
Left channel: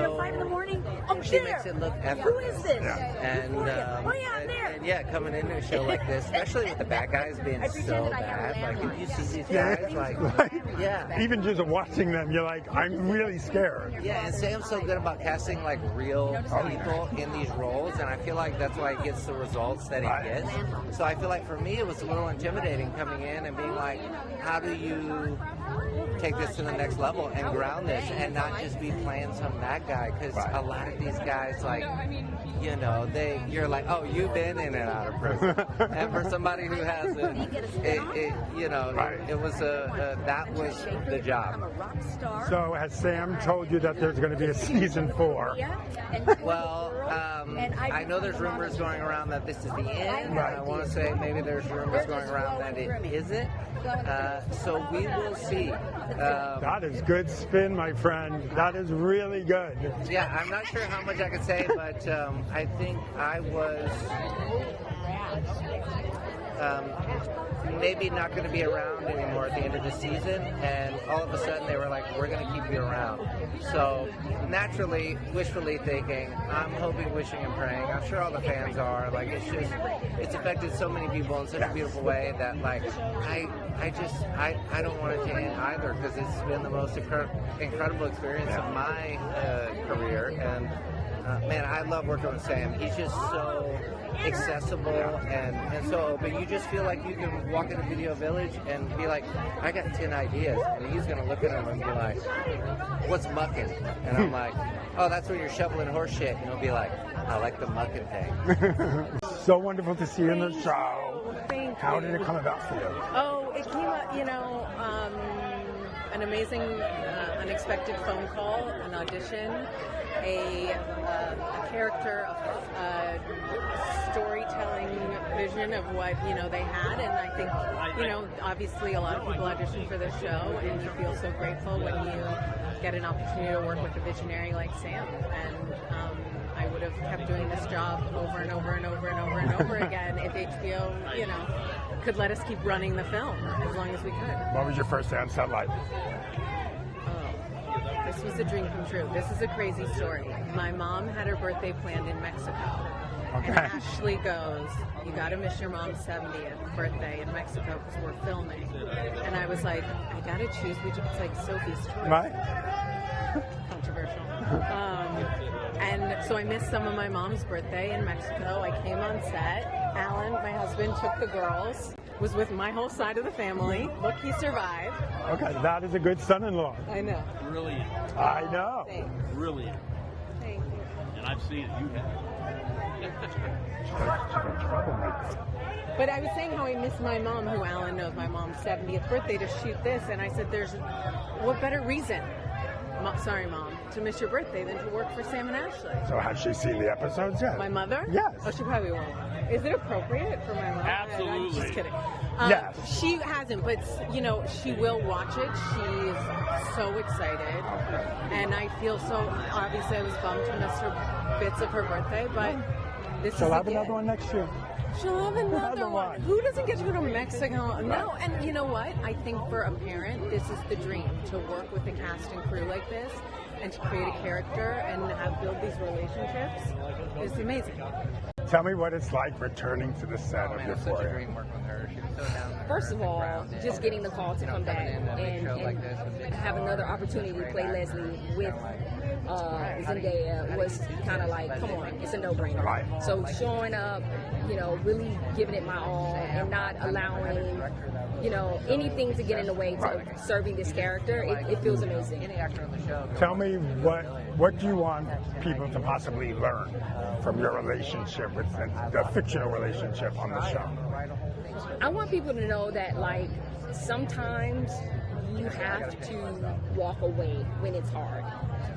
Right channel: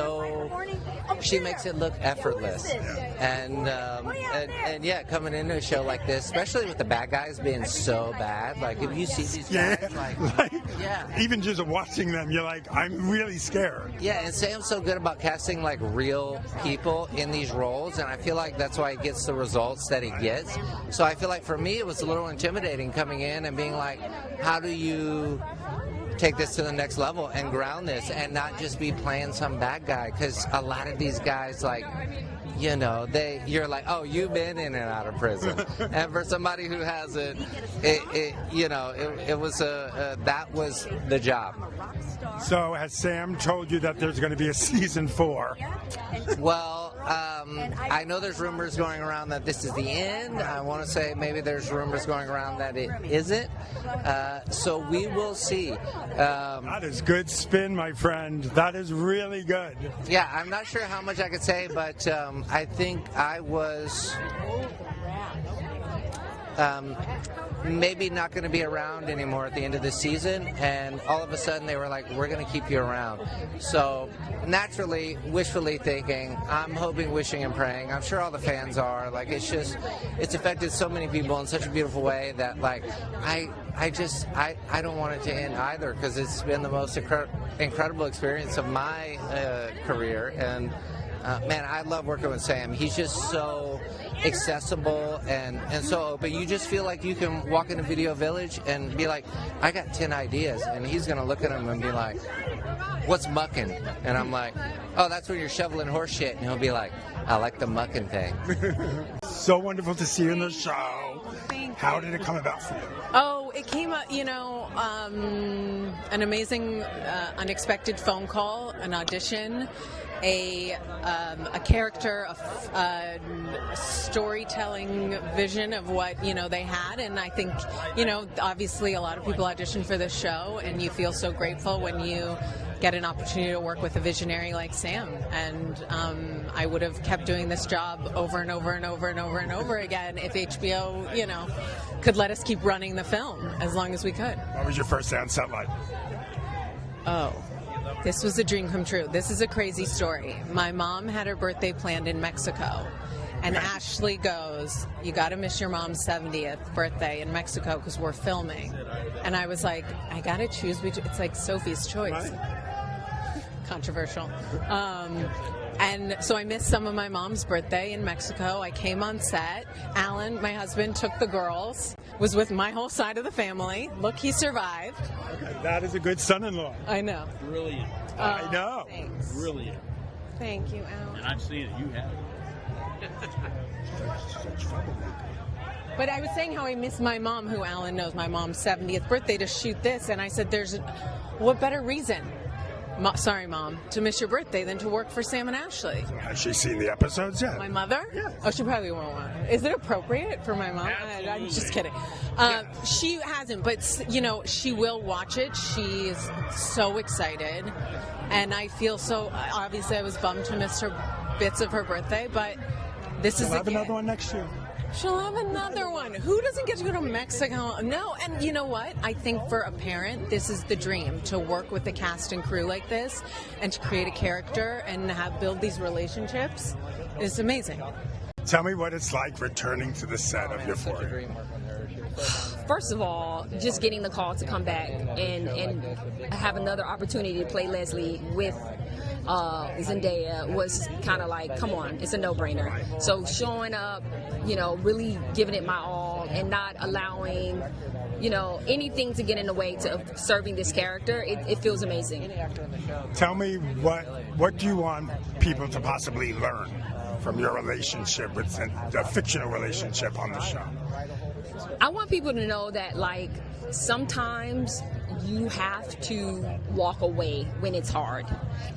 she makes it look effortless, and coming into a show like this, especially with the bad guys being so bad, like if you see these characters, even just watching them, you're like, I'm really scared. Yeah, and Sam's so good about casting like real people in these roles, and I feel like that's why he gets the results that he gets. So I feel like for me it was a little intimidating coming in and being like, how do you take this to the next level and ground this and not just be playing some bad guy? Because a lot of these guys, like, you're like, oh, you've been in and out of prison. And for somebody who hasn't, that was the job. So has Sam told you that there's going to be a season 4? Well, I know there's rumors going around that this is the end. I want to say maybe there's rumors going around that it isn't. So we will see. That is good spin, my friend. That is really good. Yeah, I'm not sure how much I could say, but I think I was maybe not going to be around anymore at the end of the season, and all of a sudden they were like, we're going to keep you around. So naturally, wishfully thinking, I'm hoping, wishing, and praying. I'm sure all the fans are. Like, it's affected so many people in such a beautiful way that, like, I don't want it to end either, because it's been the most incredible experience of my career. And man, I love working with Sam. He's just so accessible and so open. You just feel like you can walk into Video Village and be like, I got 10 ideas, and he's gonna look at them and be like, what's mucking? And I'm like, oh, that's when you're shoveling horse shit. And he'll be like, I like the mucking thing. So wonderful to see you in the show. How did it come about for you? Oh, it came up, an amazing, unexpected phone call, an audition, a character, a storytelling vision of what they had, and I think obviously a lot of people audition for this show, and you feel so grateful when you get an opportunity to work with a visionary like Sam. And I would have kept doing this job over and over and over and over and over again if HBO could let us keep running the film as long as we could. What was your first day on set like? Oh, this was a dream come true. This is a crazy story. My mom had her birthday planned in Mexico, and Ashley goes, you got to miss your mom's 70th birthday in Mexico because we're filming. And I was like, I got to choose which. It's like Sophie's Choice. Right. Controversial. And so I missed some of my mom's birthday in Mexico. I came on set. Alan, my husband, took the girls, was with my whole side of the family. Look, he survived. Okay, that is a good son-in-law. I know. Brilliant. I know. Thanks. Brilliant. Thank you, Alan. And I've seen it. You have. She's a troublemaker. But I was saying how I miss my mom, who Alan knows, my mom's 70th birthday, to shoot this, and I said, what better reason, sorry, Mom, to miss your birthday than to work for Sam and Ashley? So has she seen the episodes yet? My mother? Yeah. Oh, she probably won't. Is it appropriate for my mom? Absolutely. I'm just kidding. Yeah. She hasn't, but she will watch it. She's so excited, and I feel so. Obviously, I was bummed to miss her bits of her birthday, but this is. She'll have another one next year. She'll have another one. Who doesn't get to go to Mexico? No, and you know what? I think for a parent, this is the dream, to work with the cast and crew like this, and to create a character and build these relationships. It's amazing. Tell me what it's like returning to the set of Euphoria. First of all, just getting the call to come back and have another opportunity to play Leslie with Zendaya was kind of like, come on, it's a no-brainer. So showing up, really giving it my all and not allowing, anything to get in the way to serving this character, it feels amazing. Tell me what do you want people to possibly learn from your relationship with the fictional relationship on the show? I want people to know that, sometimes you have to walk away when it's hard.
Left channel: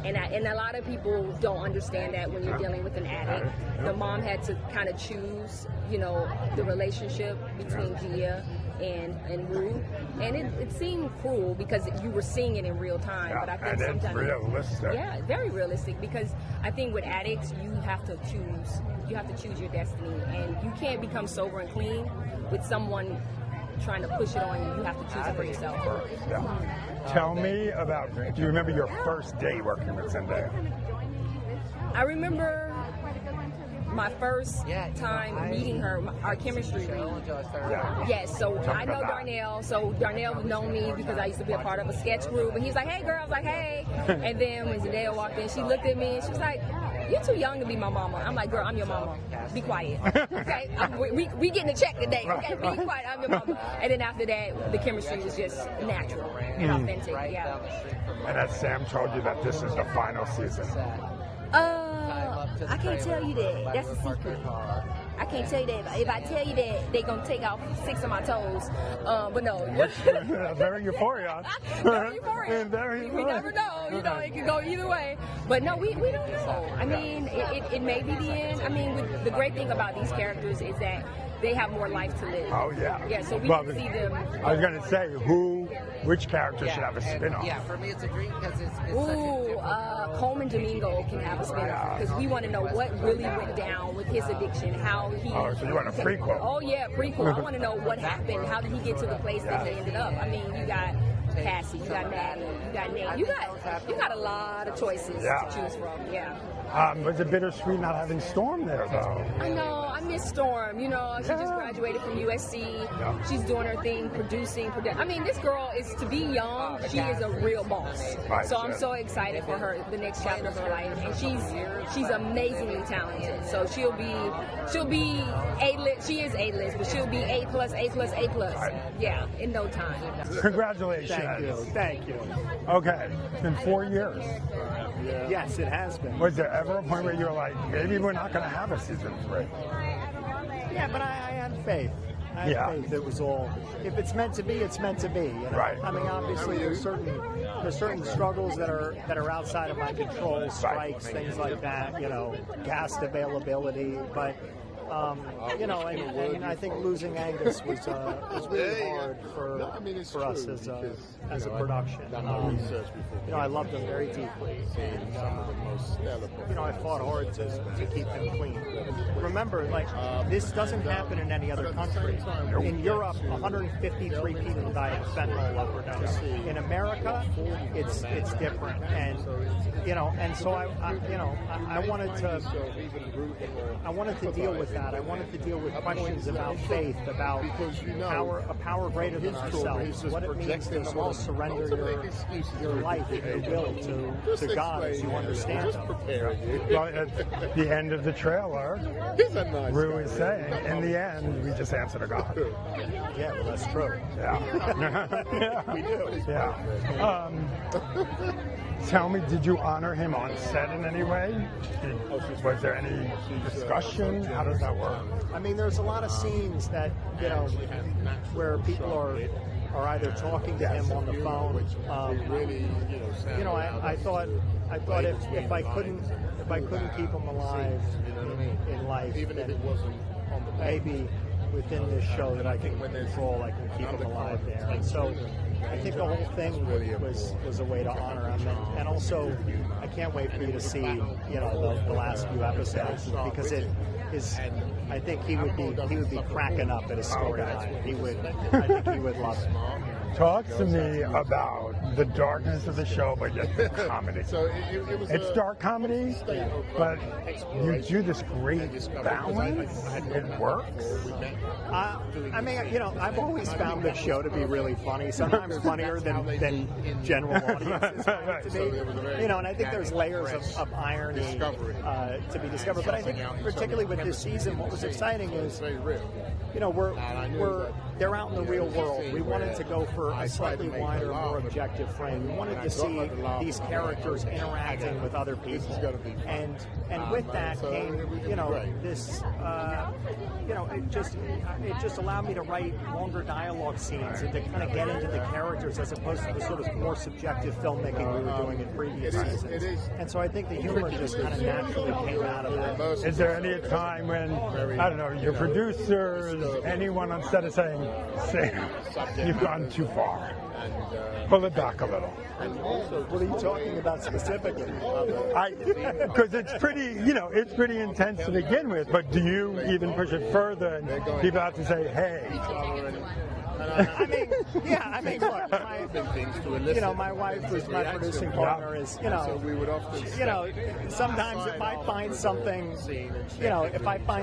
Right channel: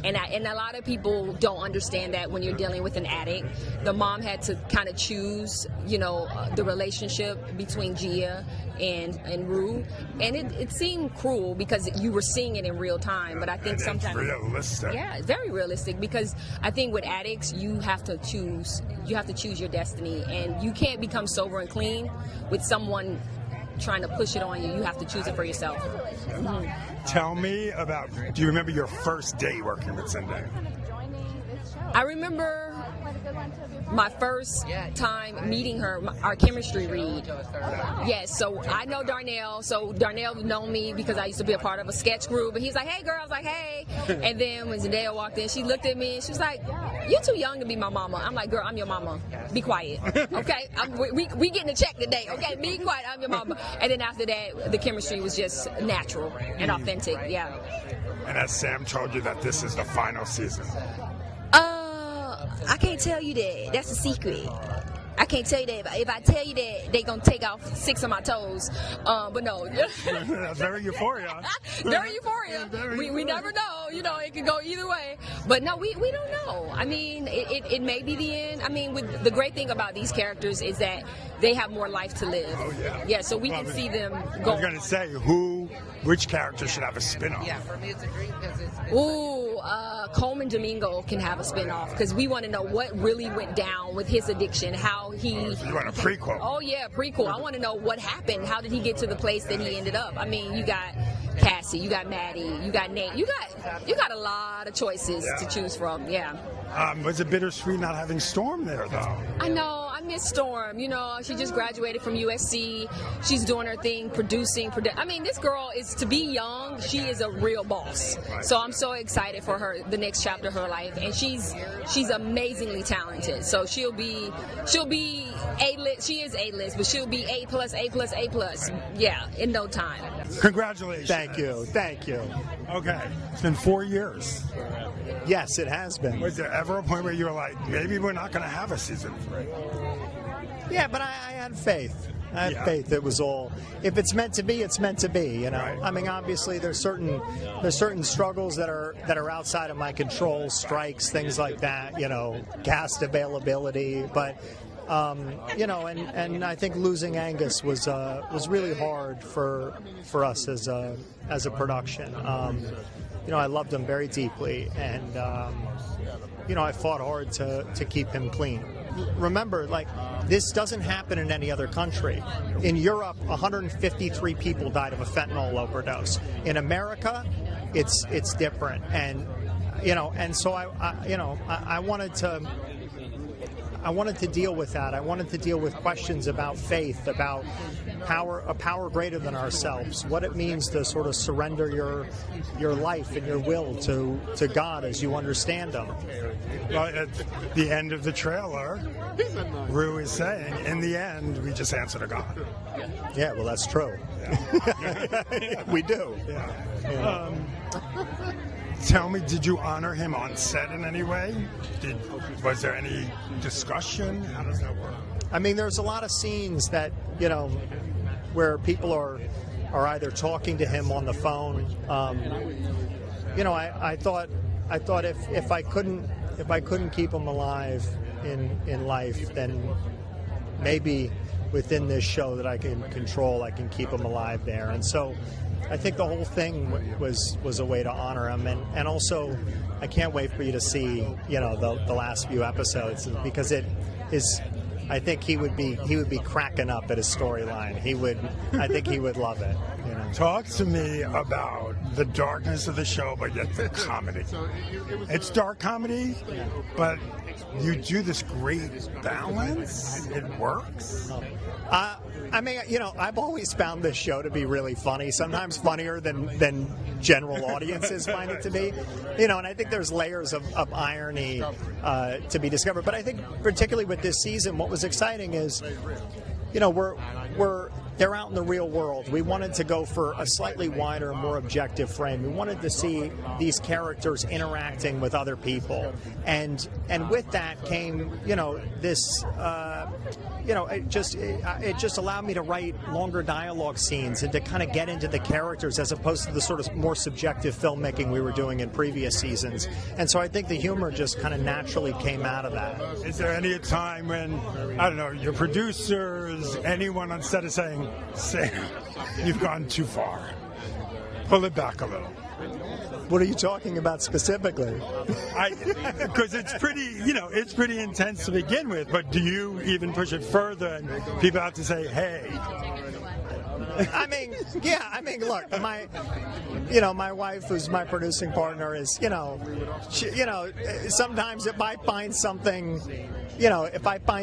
And a lot of people don't understand that when you're dealing with an addict. The mom had to kind of choose, the relationship between Gia and Rue. And it seemed cruel because you were seeing it in real time. But I think sometimes... realistic. Yeah, very realistic, because I think with addicts, you have to choose your destiny. And you can't become sober and clean with someone trying to push it on you. You have to choose it for yourself. Tell me do you remember your first day working with Zendaya? I remember my first time meeting her, our chemistry read. Yes, so I know Darnell, so Darnell would know me because I used to be a part of a sketch group, and he's like, hey girl, I was like, hey. And then when Zendaya walked in, she looked at me and she was like, you're too young to be my mama. I'm like, girl, I'm your mama. Be quiet. Okay? We getting a check today. Okay? Be quiet. I'm your mama. And then after that, the chemistry was just natural and authentic. Yeah. And as Sam told you that this is the final season? I can't tell you that. That's a secret. I can't tell you that. If I tell you that, they gonna take off 6 of my toes. But no. That's very Euphoria. Very Euphoria. We never know. It can go either way. But no, we don't know. I mean, it may be the end. I mean, the great thing about these characters is that they have more life to live. Oh, yeah. Yeah, so we can see them go. I was going to say, which character should have a spin-off? Yeah. Ooh. Coleman Domingo can have a spinoff because we want to know what really went down with his addiction, how he... so you want a prequel? Oh, yeah, prequel. I want to know what happened. How did he get to the place that he ended up? I mean, you got Cassie, you got Maddie, you got Nate. You got a lot of choices to choose from, yeah. Was it bittersweet not having Storm there, though? I know. I miss Storm. She just graduated from USC. She's doing her thing, producing. I mean, this girl is, to be young, she is a real boss. So I'm so excited for her, the next chapter of her life. And she's amazingly talented. So she'll be A-list. She is A-list, but she'll be A+, A+. Yeah, in no time. Congratulations. Thank you. Okay. It's been 4 years. Yes, it has been. Was there ever a point where you were like, maybe we're not going to have a season 3? Yeah, but I had faith. I had faith. It was all. If it's meant to be, it's meant to be. Right. I mean, obviously, there's certain struggles that are outside of my control, strikes, things like that. Cast availability, but. And I think losing Angus was really hard for us as a production. I loved him very deeply, and I fought hard to keep him clean. Remember, this doesn't happen in any other country. In Europe, 153 people died of a fentanyl overdose. In America, it's different, and so I wanted to deal with that. I wanted to deal with questions about faith, about a power greater than ourselves, what it means to sort of surrender your life and your will to God as you understand Him. Well, at the end of the trailer, Rue is saying, in the end, we just answer to God. Yeah, well, that's true. Yeah. We do. Yeah. Tell me, did you honor him on set in any way? Was there any discussion discussion? How does that work? I mean, there's a lot of scenes that, where people are either talking to him on the phone. I thought if I couldn't keep him alive in life, then maybe within this show that I can control, I can keep him alive there. And so I think the whole thing was a way to honor him, and also I can't wait for you to see the last few episodes, because it is. I think he would be cracking up at his storyline. I think he would love it. Talk to me about the darkness of the show, but yet the comedy. It's dark comedy, but you do this great balance. It works. I mean, I've always found this show to be really funny, sometimes funnier than general audiences find it to be. And I think there's layers of irony to be discovered. But I think particularly with this season, what was exciting is, they're out in the real world. We wanted to go for a slightly wider, more objective frame. We wanted to see these characters interacting with other people, and with that came, this. It just allowed me to write longer dialogue scenes and to kind of get into the characters as opposed to the sort of more subjective filmmaking we were doing in previous seasons. And so I think the humor just kind of naturally came out of that. Is there any time when, I don't know, your producers, anyone on set is saying, Sam, you've gone too far. Pull it back a little. What are you talking about specifically? Because it's pretty intense to begin with, but do you even push it further and people have to say, hey? Look, my wife, who's my producing partner, is, sometimes if I find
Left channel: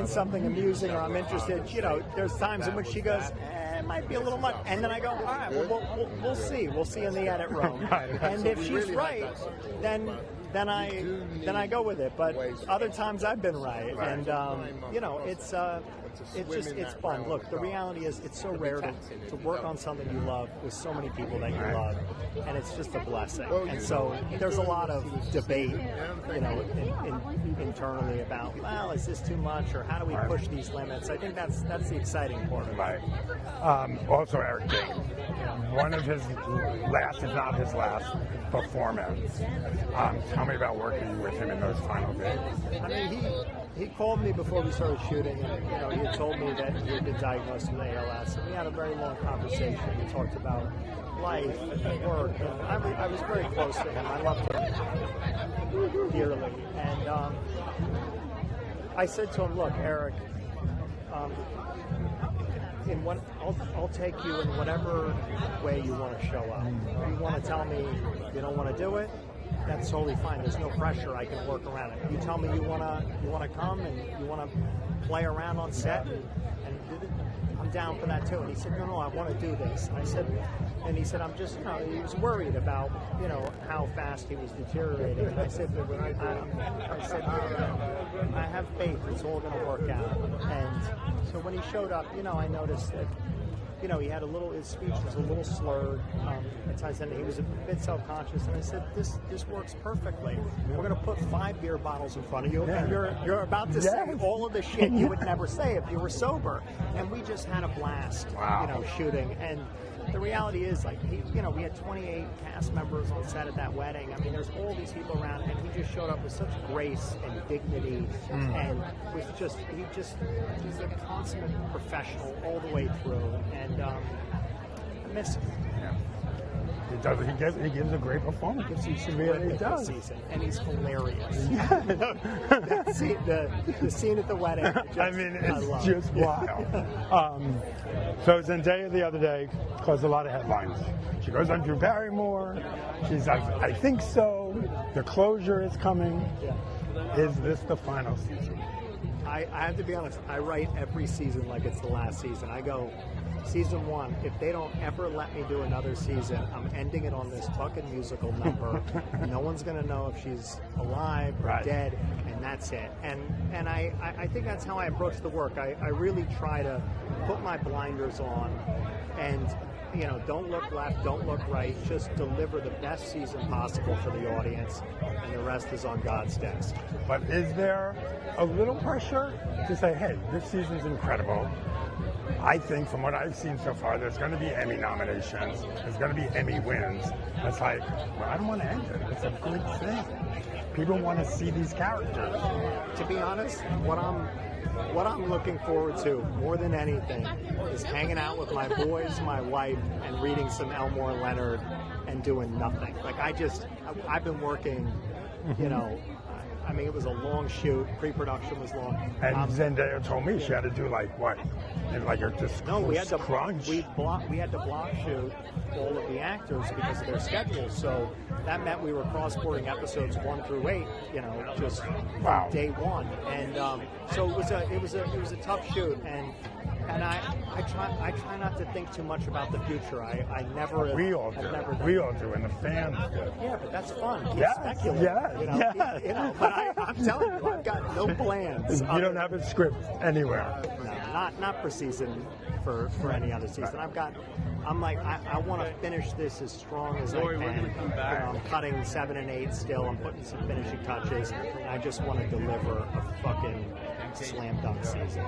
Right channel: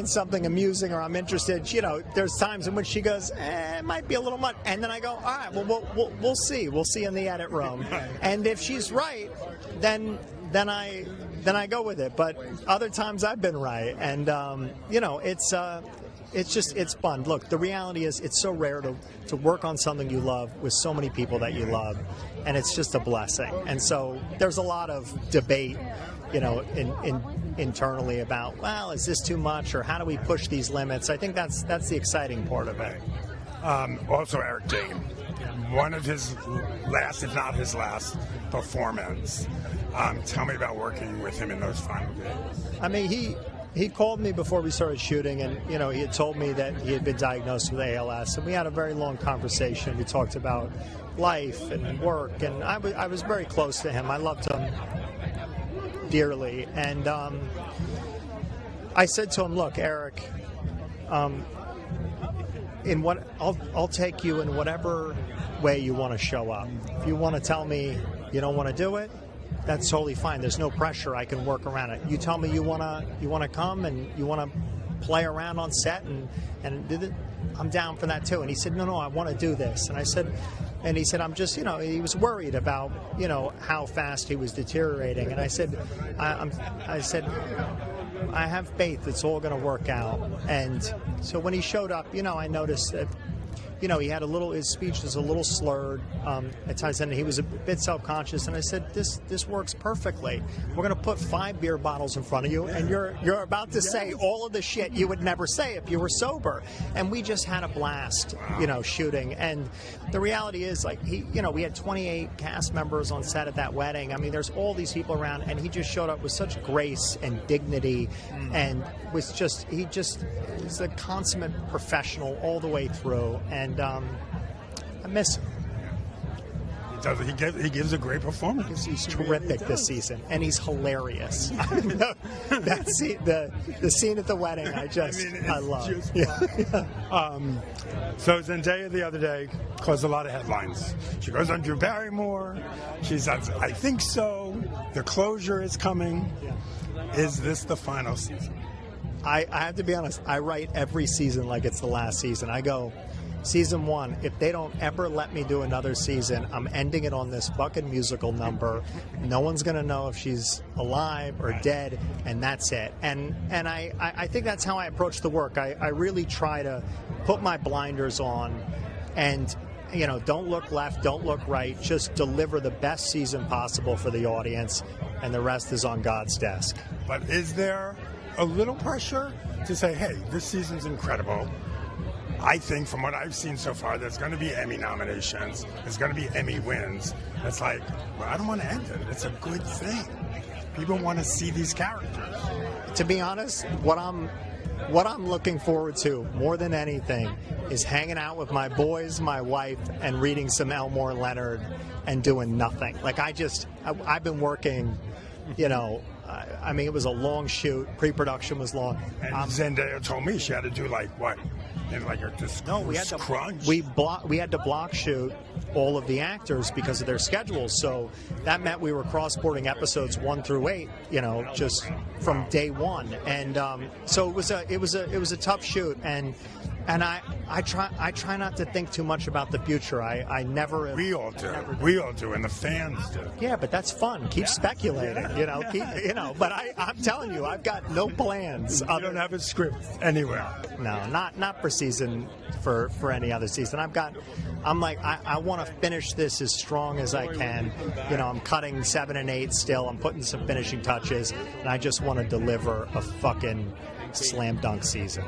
something amusing or I'm interested, there's times in which she goes, it might be a little much, and then I go, all right, well, we'll see in the edit room, and if she's right, then I go with it. But other times I've been right, and it's fun. Look, the reality is it's so rare to work on something you love with so many people that you love, and it's just a blessing. And so there's a lot of debate, internally about, well, is this too much, or how do we push these limits? I think that's the exciting part about it. Also, Eric Dane, one of his last, if not his last, performance. Tell me about working with him in those final games. I mean, he called me before we started shooting, and he had told me that he had been diagnosed with ALS, and we had a very long conversation. We talked about life and work, and I was very close to him. I loved him dearly, and I said to him, "Look, Eric, I'll take you in whatever way you want to show up. If you want to tell me you don't want to do it, that's totally fine. There's no pressure. I can work around it. You tell me you want to come and you want to play around on set and do it, I'm down for that too." And he said, no, I want to do this. And he said, I'm just, he was worried about, how fast he was deteriorating. And I said, I have faith it's all going to work out. And so when he showed up, I noticed that, he had his speech was a little slurred at times, and he was a bit self-conscious. And I said, this works perfectly. We're going to put 5 beer bottles in front of you, and you're about to say all of the shit you would never say if you were sober. And we just had a blast, shooting. And the reality is, we had 28 cast members on set at that wedding. I mean, there's all these people around, and he just showed up with such grace and dignity, and he's a consummate professional all the way through. And I miss him. He gives a great performance. He's terrific this season, and he's hilarious. That's the scene at the wedding. I love. Just wild. So Zendaya the other day caused a lot of headlines. She goes on Drew Barrymore. She's like, I think so. The closure is coming. Is this the final season? I have to be honest. I write every season like it's the last season. I go, season 1, if they don't ever let me do another season, I'm ending it on this fucking musical number. No one's going to know if she's alive or dead, and that's it. And I think that's how I approach the work. I really try to put my blinders on and, don't look left, don't look right. Just deliver the best season possible for the audience, and the rest is on God's desk. But is there a little pressure to say, hey, this season's incredible. I think from what I've seen so far, there's going to be Emmy nominations. There's going to be Emmy wins. It's like, well, I don't want to end it. It's a good thing. People want to see these characters. To be honest, what I'm looking forward to more than anything is hanging out with my boys, my wife, and reading some Elmore Leonard and doing nothing. Like I've been working, you know. I mean, it was a long shoot. Pre-production was long. And Zendaya told me she had to do like what? And like we had to block shoot all of the actors because of their schedules. So that meant we were cross-boarding episodes 1 through 8. You know, just from day one. And so it was a tough shoot. And I try not to think too much about the future. I never. We all do, and the fans do. Yeah, but that's fun. Keep speculating. Yeah. You know. But I'm telling you, I've got no plans. You don't have a script anywhere. No, not for season for any other season. I'm like I want to finish this as strong as I can. You know, I'm cutting 7 and 8 still. I'm putting some finishing touches, and I just want to deliver a fucking slam dunk season.